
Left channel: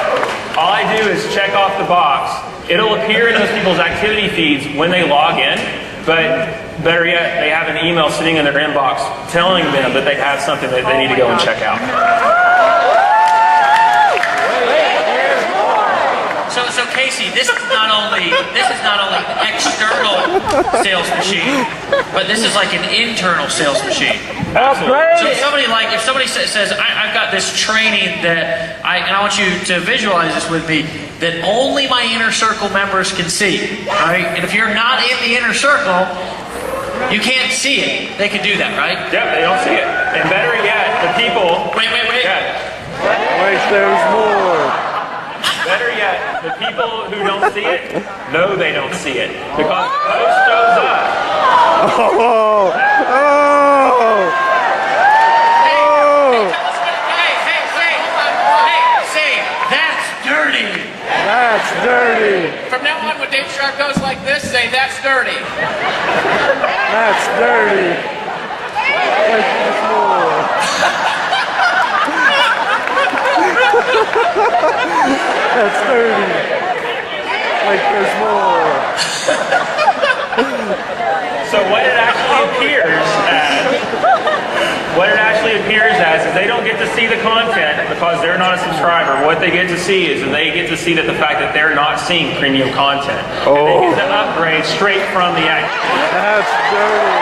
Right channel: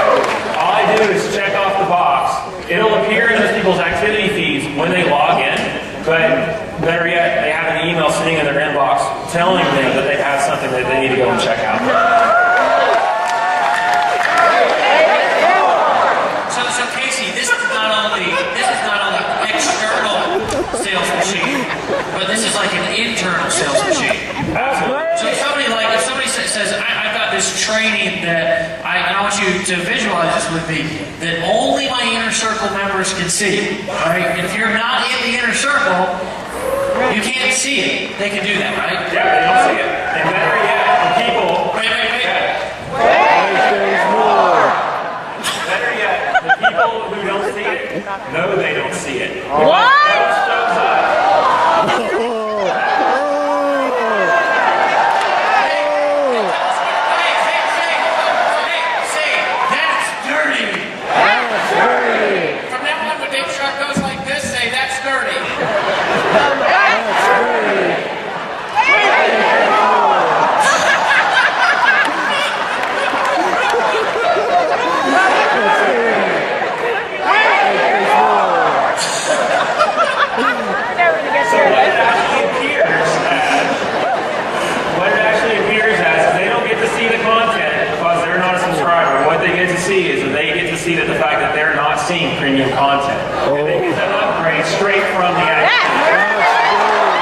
all I do is check off the box. It'll appear in those people's activity feeds when they log in, but better yet, they have an email sitting in their inbox telling them that they have something that they need to go and check out. So Casey, this is not only external sales machine, but this is like an internal sales machine. So if somebody says, I've got this training that and I want you to visualize this with me, that only my Inner Circle members can see, right? And if you're not in the Inner Circle, you can't see it. They can do that, right? Yeah, they don't see it. And better yet, the people... Wait. Wait, there's more. Better yet, the people who don't see it know they don't see it. Because the post shows up. Hey, that's dirty. That's dirty. From now on, when Dave Shark goes like this, say, that's dirty. That's dirty. That's dirty. Like there's more. So what it actually appears as is they don't get to see the content because they're not a subscriber. What they get to see is that they get to see the fact that they're not seeing premium content. And they get to upgrade straight from the app. That's dirty.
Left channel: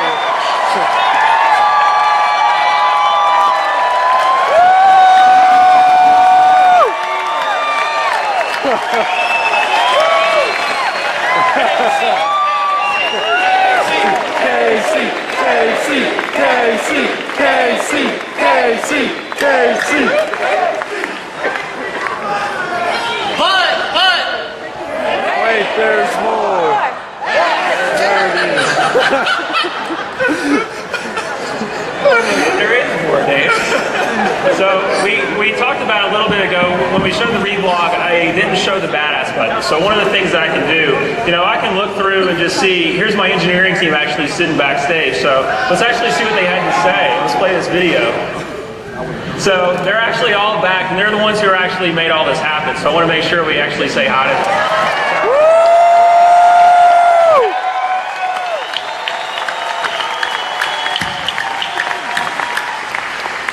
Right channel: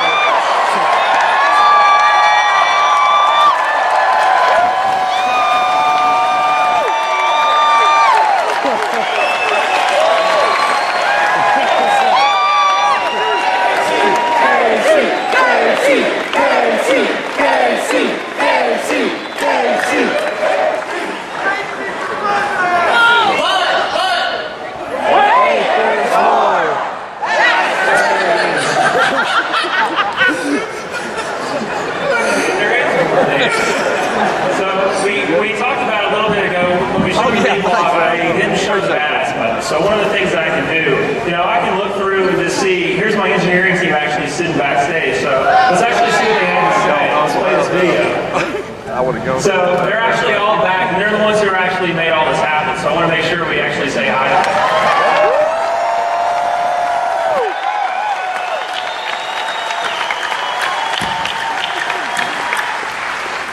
Wait, there's more. There is more there. So we talked about a little bit ago when we showed the reblog, I didn't show the badass button. So one of the things that I can do, I can look through and just see, here's my engineering team actually sitting backstage. So let's actually see what they had to say. Let's play this video. So they're actually all back, and they're the ones who actually made all this happen. So I want to make sure we actually say hi to them.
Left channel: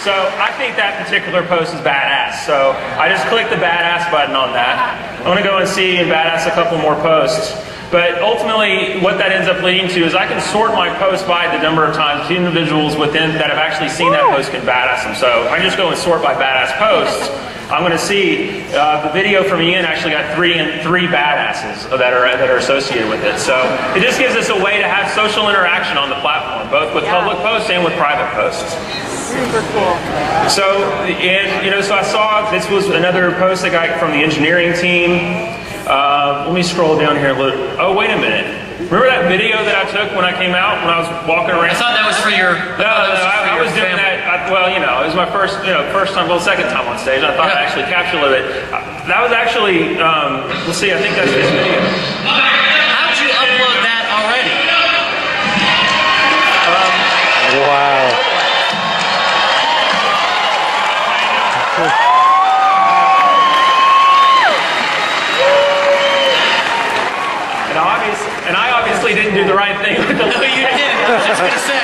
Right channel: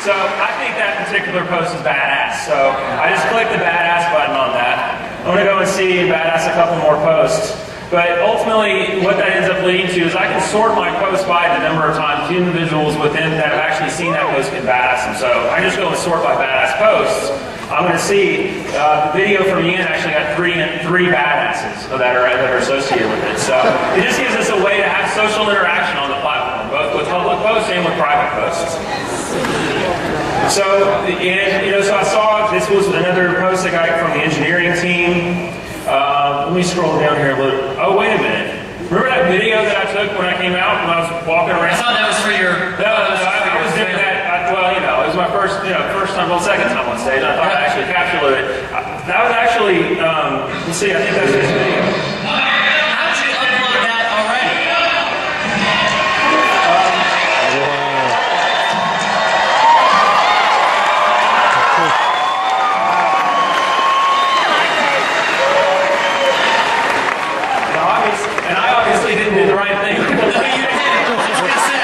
So I think that particular post is badass. So I just click the badass button on that. I'm going to go and see and badass a couple more posts. But ultimately, what that ends up leading to is I can sort my posts by the number of times the individuals within that have actually seen that post can badass them. So I just go and sort by badass posts. I'm going to see the video from Ian actually got three badasses that are associated with it. So it just gives us a way to have social interaction on the platform, both with public posts and with private posts. Super cool. So, so I saw this was another post I got from the engineering team. Let me scroll down here a little. Oh, wait a minute. Remember that video that I took when I came out, when I was walking around? I thought that was for your... I was doing that. It was my first time, second time on stage. I thought I actually captured it. That was actually, let's see, I think that's this video. How did you upload that already? Wow. And I obviously didn't do the right thing. No, you didn't. I was just going to say.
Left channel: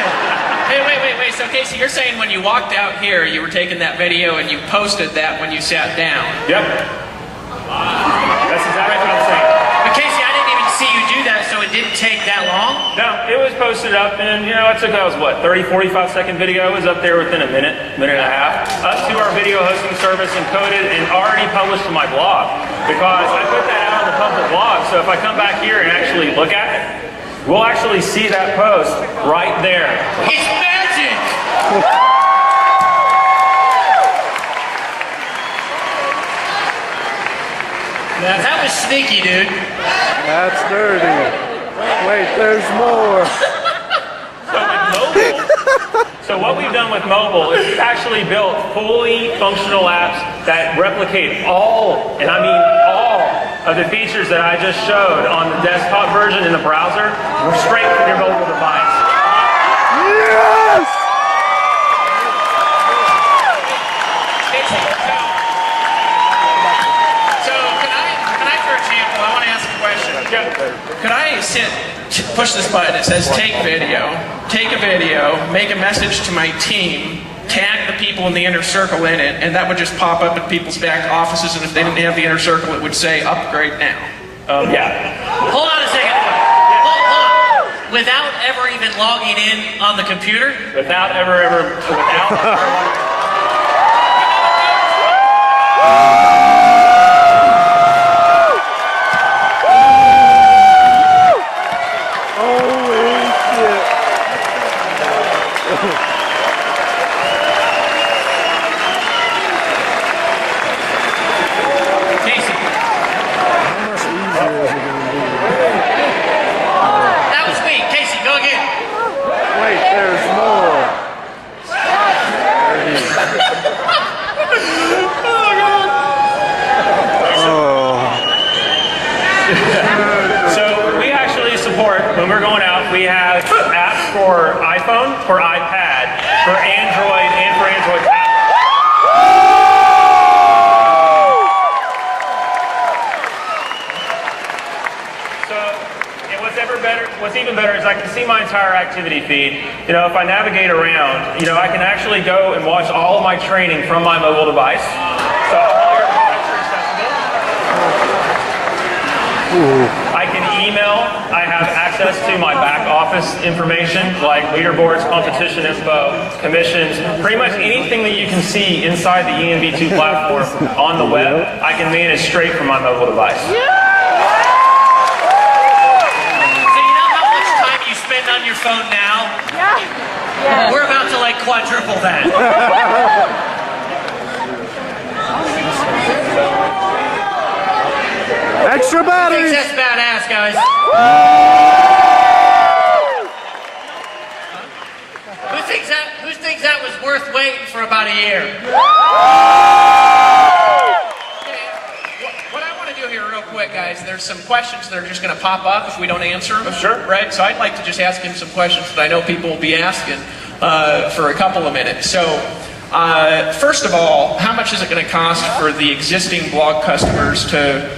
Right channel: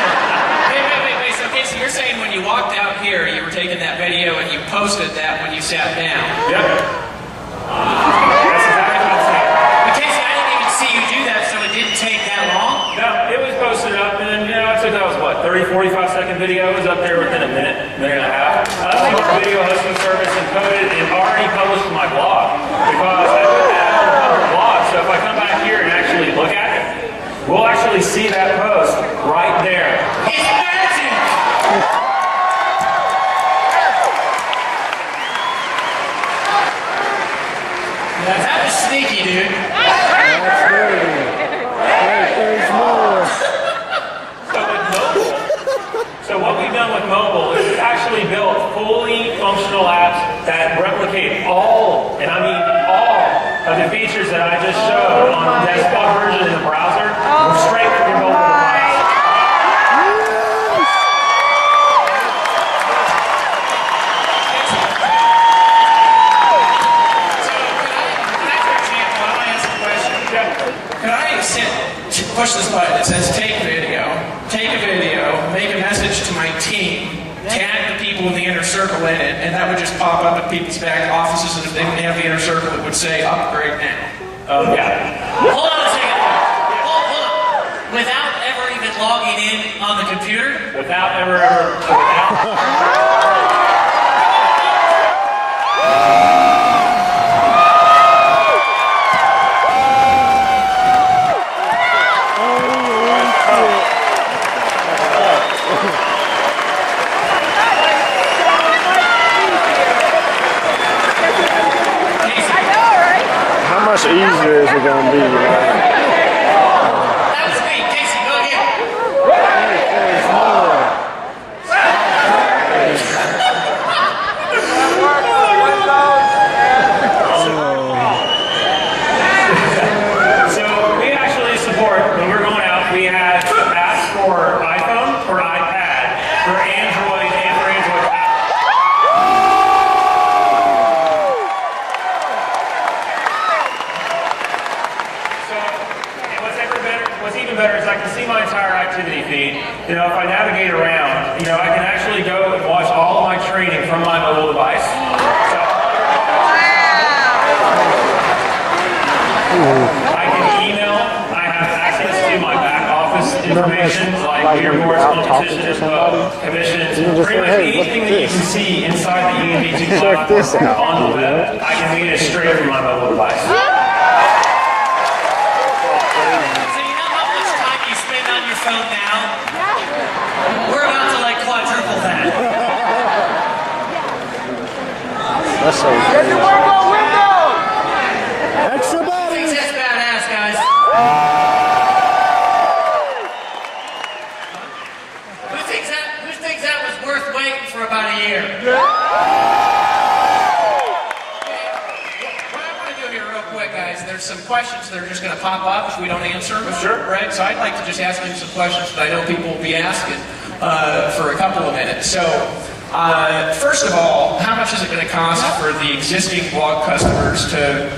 Wait. So, Casey, you're saying when you walked out here, you were taking that video and you posted that when you sat down. Yep. That's exactly what I'm saying. But, Casey, I didn't even see you do that, so it didn't take that long? No, it was posted up, and I took that was what, 30, 45-second video. It was up there within a minute and a half. To our video hosting service encoded and already published to my blog because I put that out on the public blog. So if I come back here and actually look at it, we'll actually see that post right there. It's magic! Now, that was sneaky, dude. That's dirty. Wait, there's more. So what we've done with mobile is we've actually built fully functional apps that replicate all, and I mean all, of the features that I just showed on the desktop version in the browser straight from your mobile device. Yes! So, can I, for example, I want to ask a question. Could I push this button that says take a video, make a message to my team, tag the people in the inner circle in it, and that would just pop up at people's back offices, and if they didn't have the inner circle, it would say upgrade now. Yeah. Hold on a second. Hold on. Without ever even logging in on the computer? Without. How much easier is it going to be? That was me. Casey, go again. Wait, there's more. So we actually support, when we're going out, we have apps for iPhone, for iPad, for Android, and for Android tablet. So, and what's even better is I can see my entire activity feed. If I navigate around, I can actually go and watch all of my training from my mobile device. So I can email. I have access to my back office information, like leaderboards, competition info, commissions, pretty much anything that you can see inside the ENV2 platform on the web, I can manage straight from my mobile device. So you know how much time you spend on your phone now? Yeah. We're about to quadruple that. Extra I think batteries! that's badass, guys. Who thinks that was worth waiting for about a year? What I want to do here real quick, guys, there's some questions that are just going to pop up if we don't answer them. Sure. Right? So I'd like to just ask him some questions that I know people will be asking for a couple of minutes. So, first of all, how much is it going to cost for the existing blog customers to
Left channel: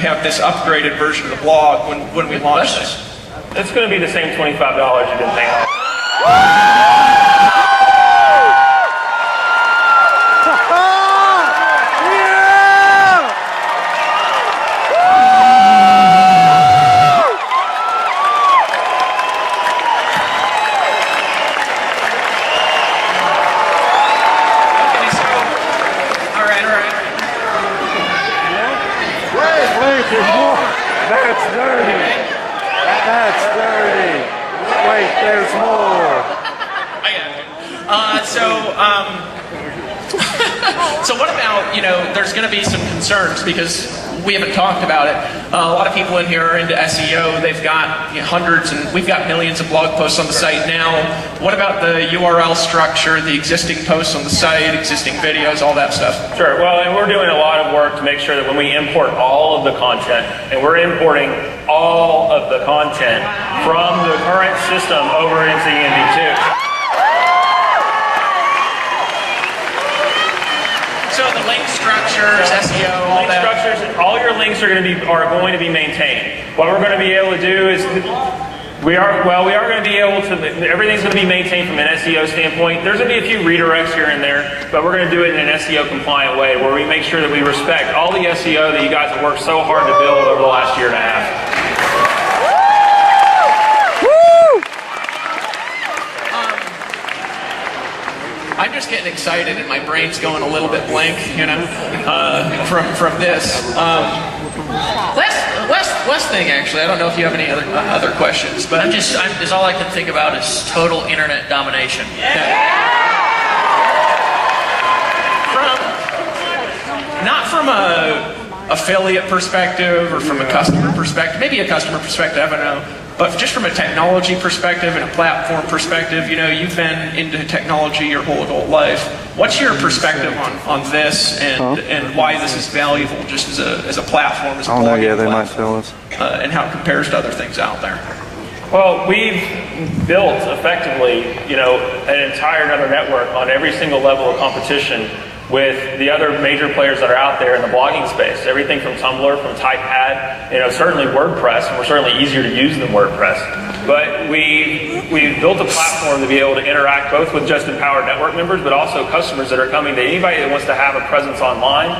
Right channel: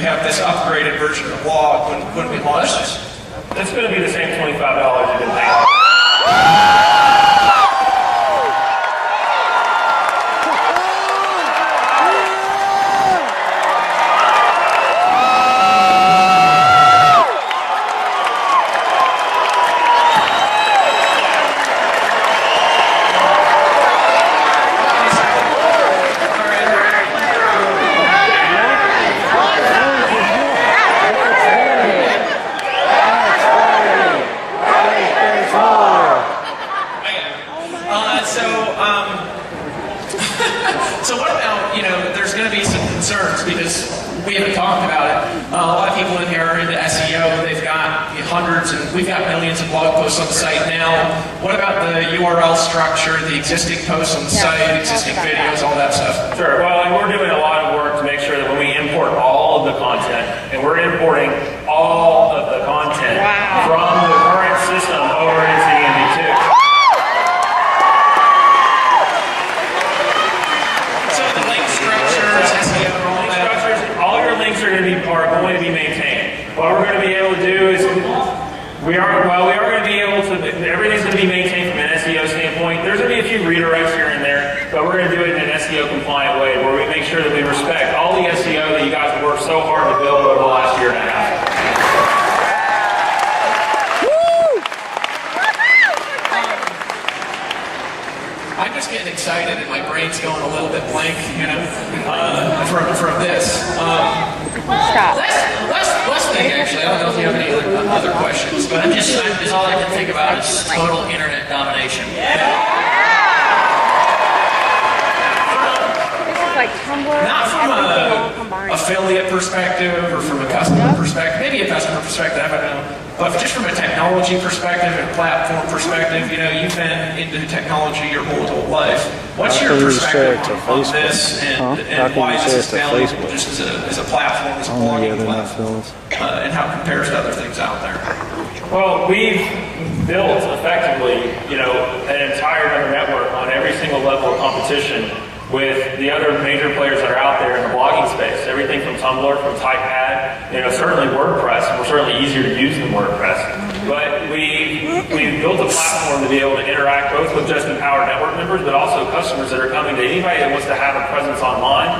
have this upgraded version of the blog when we launch this? It's going to be the same $25 you've been paying. we haven't talked about it. A lot of people in here are into SEO. They've got hundreds, and we've got millions of blog posts on the site now. What about the URL structure, the existing posts on the site, existing videos, all that stuff? Sure. Well, and we're doing a lot of work to make sure that when we import all of the content, and we're importing all of the content from the current system over into ENV2. So the link structures, SEO, all Link that. structures, all your links are going to be maintained. What we're going to be able to do is we are going to be able to, everything's going to be maintained from an SEO standpoint. There's going to be a few redirects here and there, but we're going to do it in an SEO compliant way where we make sure that we respect all the SEO that you guys have worked so hard to build over the last year and a half. I'm just getting excited and my brain's going a little bit blank, from this. Last thing, actually, I don't know if you have any other questions, but Just all I can think about is total internet domination. Not from a affiliate perspective or from a customer perspective, maybe a customer perspective, I don't know. But just from a technology perspective and a platform perspective, you've been into technology your whole adult life. What's your perspective on this and why this is valuable just as a platform, as a blogging platform, and how it compares to other things out there? Well, we've built effectively, an entire another network on every single level of competition with the other major players that are out there in the blogging space. Everything from Tumblr, from Typepad, certainly WordPress, and we're certainly easier to use than WordPress. But we've built a platform to be able to interact both with just Empowered Network members, but also customers that are coming to anybody that wants to have a presence online.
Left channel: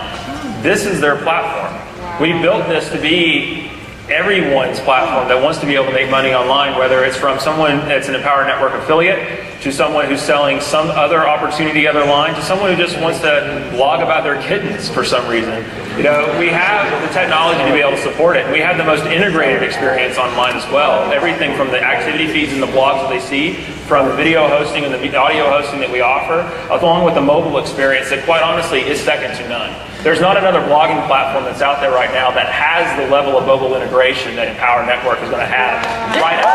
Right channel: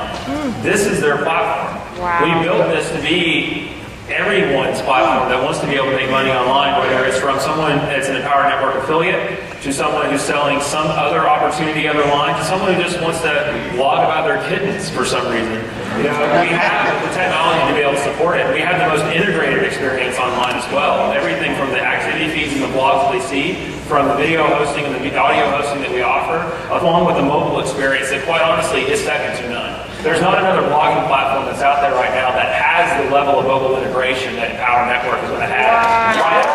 This is their platform. Wow. We built this to be everyone's platform that wants to be able to make money online, whether it's from someone that's an Empowered Network affiliate, to someone who's selling some other opportunity other line, to someone who just wants to blog about their kittens for some reason. We have the technology to be able to support it. We have the most integrated experience online as well. Everything from the activity feeds and the blogs that they see, from the video hosting and the audio hosting that we offer, along with the mobile experience that quite honestly is second to none. There's not another blogging platform that's out there right now that has the level of mobile integration that Empowered Network is going to have. Right now.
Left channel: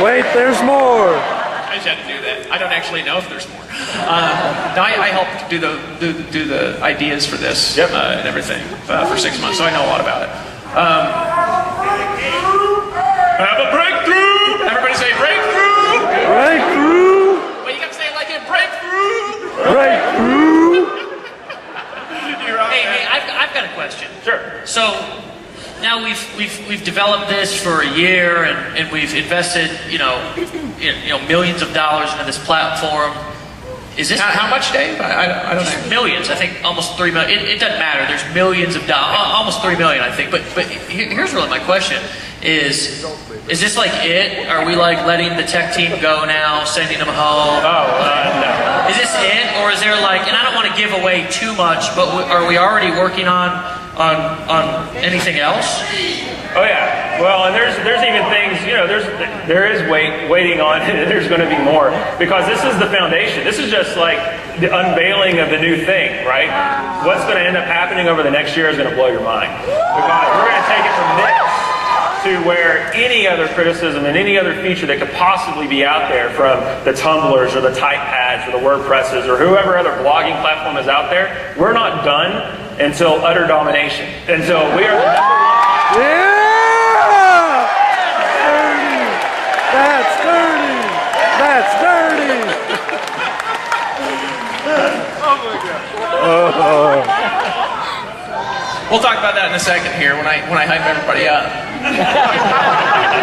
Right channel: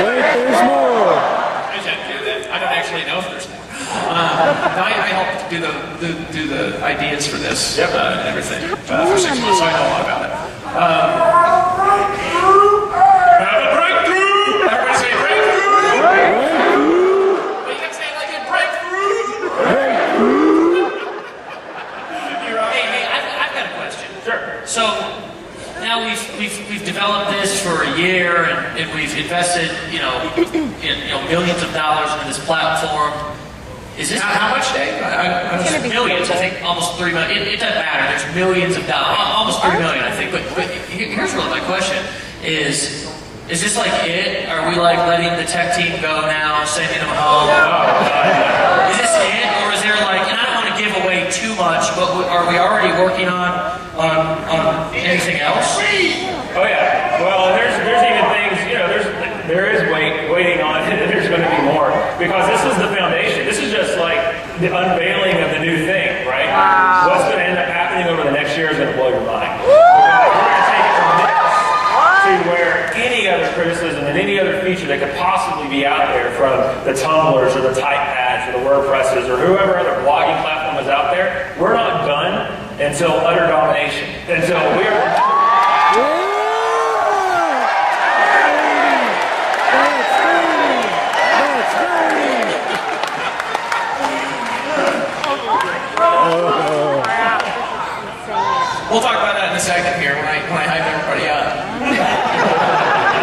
Wait, there's more. I just had to do that. I don't actually know if there's more. No, I helped do the ideas for this and everything for 6 months, so I know a lot about it. Have a breakthrough! Everybody say breakthrough! Breakthrough! But you gotta say it like a breakthrough! Breakthrough! Hey, I've got a question. Sure. So now we've developed this for a year, and we've invested millions of dollars into this platform. Is this How much, Dave? I don't know. millions? I think almost 3 million. It doesn't matter. There's millions of dollars, almost 3 million, I think. But here's really my question: Is this like it? Are we like letting the tech team go now, sending them home? Is this it, or is there like? And I don't want to give away too much, but are we already working on anything else? Oh yeah. Well, and there's even things, there is waiting on it, and there's going to be more, because this is the foundation. This is just like the unveiling of the new thing, right? What's going to end up happening over the next year is going to blow your mind. Because we're going to take it from this to where any other criticism and any other feature that could possibly be out there from the Tumblrs or the Typepads or the WordPresses or whoever other blogging platform is out there, we're not done until utter domination. Until we are... Yeah! That's dirty! That's dirty! We'll talk about that in a second here when I hype everybody up.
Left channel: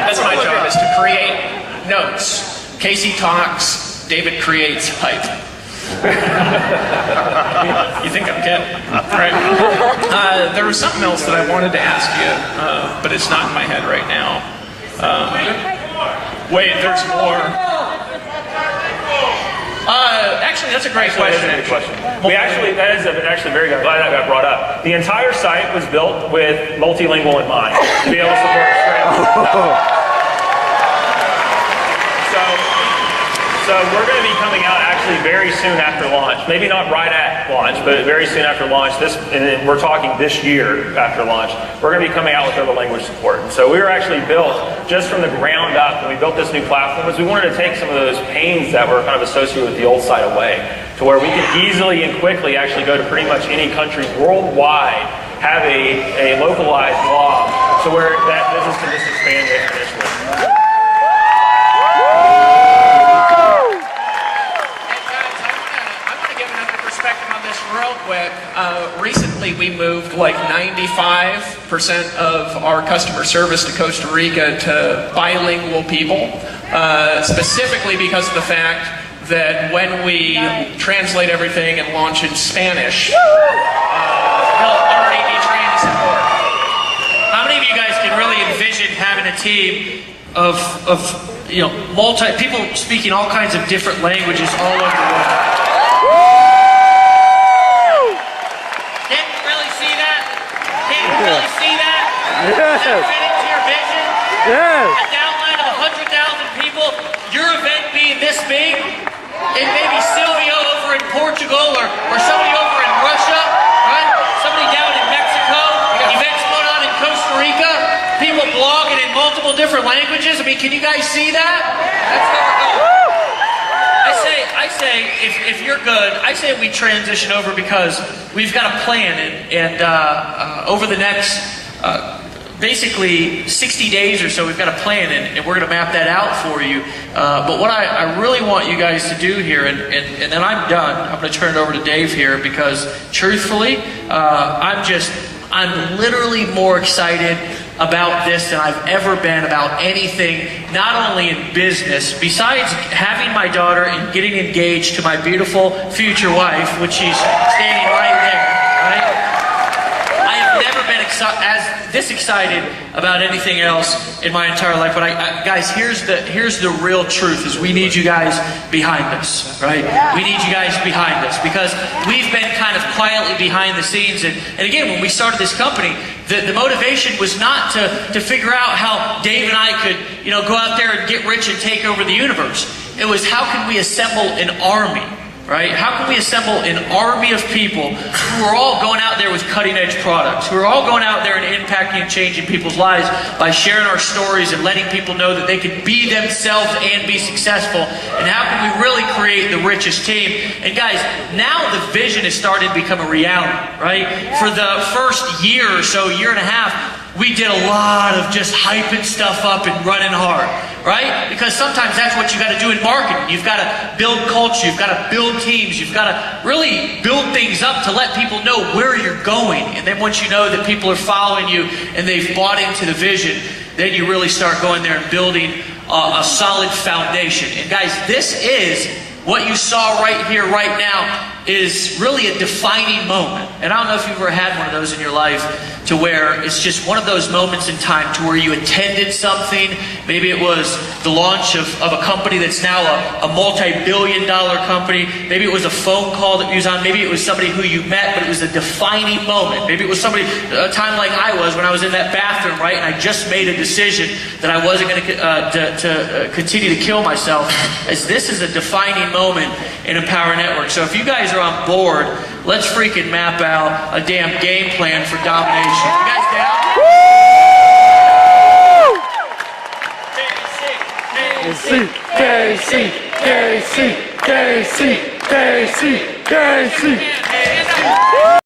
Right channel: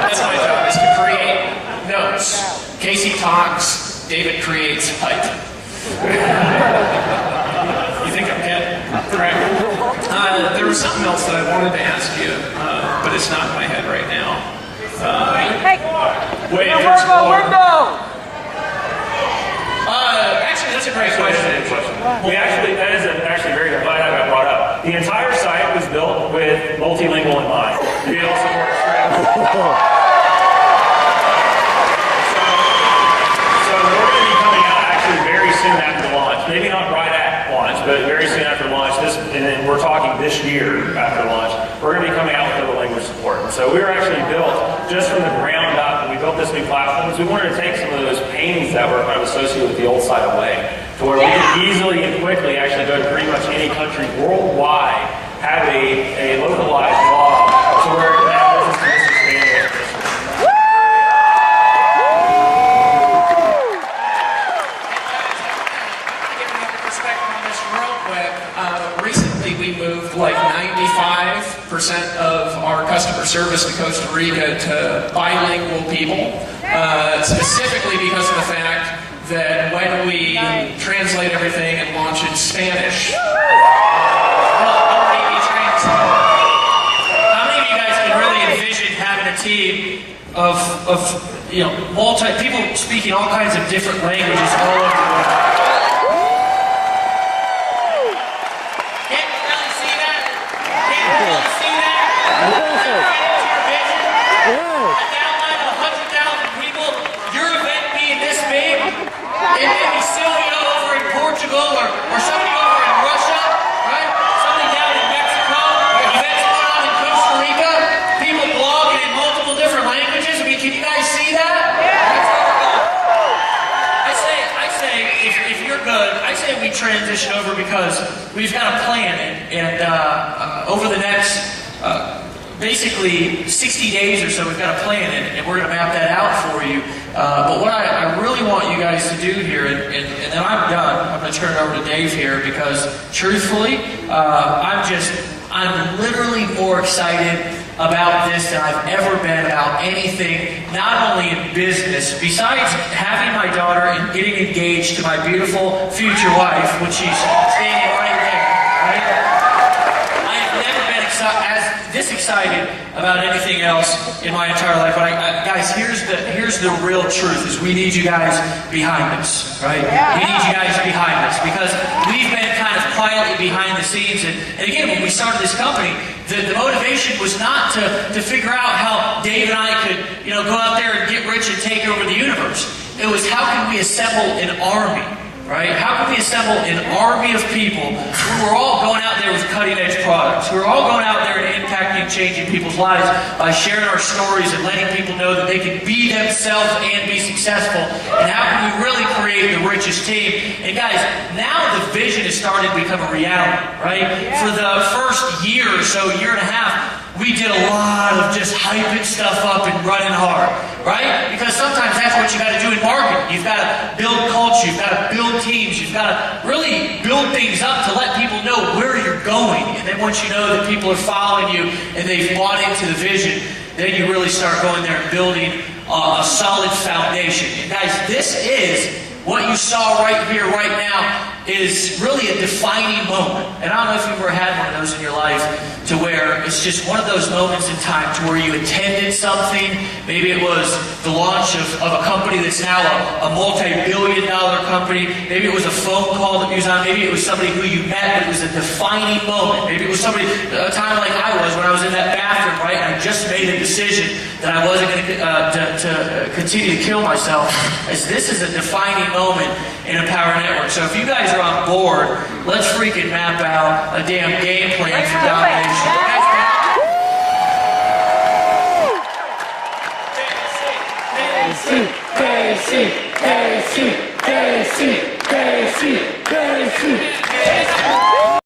That's my job, is to create notes. Casey talks, David creates hype. You think I'm kidding? Right. There was something else that I wanted to ask you, but it's not in my head right now. Wait, there's more. Actually, that's a great question. That is actually very good. Glad that got brought up. The entire site was built with multilingual in mind, to be able to support Australia. So we're going to be coming out actually very soon after launch maybe not right at launch, but very soon after launch, and then we're talking this year after launch, we're going to be coming out with other language support. And so we were actually built just from the ground up when we built this new platform, is we wanted to take some of those pains that were kind of associated with the old site away, to where we could easily and quickly actually go to pretty much any country worldwide, have a localized blog, to where that business can just expand exponentially. Real quick, recently we moved like 95% of our customer service to Costa Rica to bilingual people, specifically because of the fact that when we translate everything and launch in Spanish, we'll already be trained support. How many of you guys can really envision having a team of people speaking all kinds of different languages all over the world? Yes. A downline of 100,000 people, your event being this big, and maybe Silvio over in Portugal or somebody over in Russia, right? Somebody down in Mexico, events going on in Costa Rica, people blogging in multiple different languages. I mean, can you guys see that? That's where we're going. I say, if you're good, I say we transition over because we've got a plan, and over the next basically 60 days or so, we've got a plan, and we're going to map that out for you. But what I really want you guys to do here, and then I'm done, I'm going to turn it over to Dave here, because truthfully, I'm literally more excited about this than I've ever been about anything, not only in business, besides having my daughter and getting engaged to my beautiful future wife, which she's standing right there, right? This excited about anything else in my entire life, but guys, here's the real truth: is we need you guys behind us, right? We need you guys behind us, because we've been kind of quietly behind the scenes, and again, when we started this company, the motivation was not to figure out how Dave and I could, go out there and get rich and take over the universe. It was, how can we assemble an army? Right? How can we assemble an army of people who are all going out there with cutting-edge products, who are all going out there and impacting and changing people's lives by sharing our stories and letting people know that they can be themselves and be successful? And how can we really create the richest team? And guys, now the vision is starting to become a reality, right? For the first year or so, year and a half, we did a lot of just hyping stuff up and running hard, right? Because sometimes that's what you got to do in marketing. You've got to build culture, you've got to build teams, you've got to really build things up to let people know where you're going. And then once you know that people are following you and they've bought into the vision, then you really start going there and building a solid foundation. And guys, this is what you saw right here, right now, is really a defining moment. And I don't know if you've ever had one of those in your life, to where it's just one of those moments in time to where you attended something. Maybe it was the launch of a company that's now a multi-billion-dollar company. Maybe it was a phone call that you was on. Maybe it was somebody who you met, but it was a defining moment. Maybe it was somebody, a time like I was when I was in that bathroom, right? And I just made a decision that I wasn't going to continue to kill myself. As this is a defining moment in Empower Network. So if you guys are on board, let's freaking map out a damn game plan for domination. You guys down? KC, KC, KC, KC, KC, KC.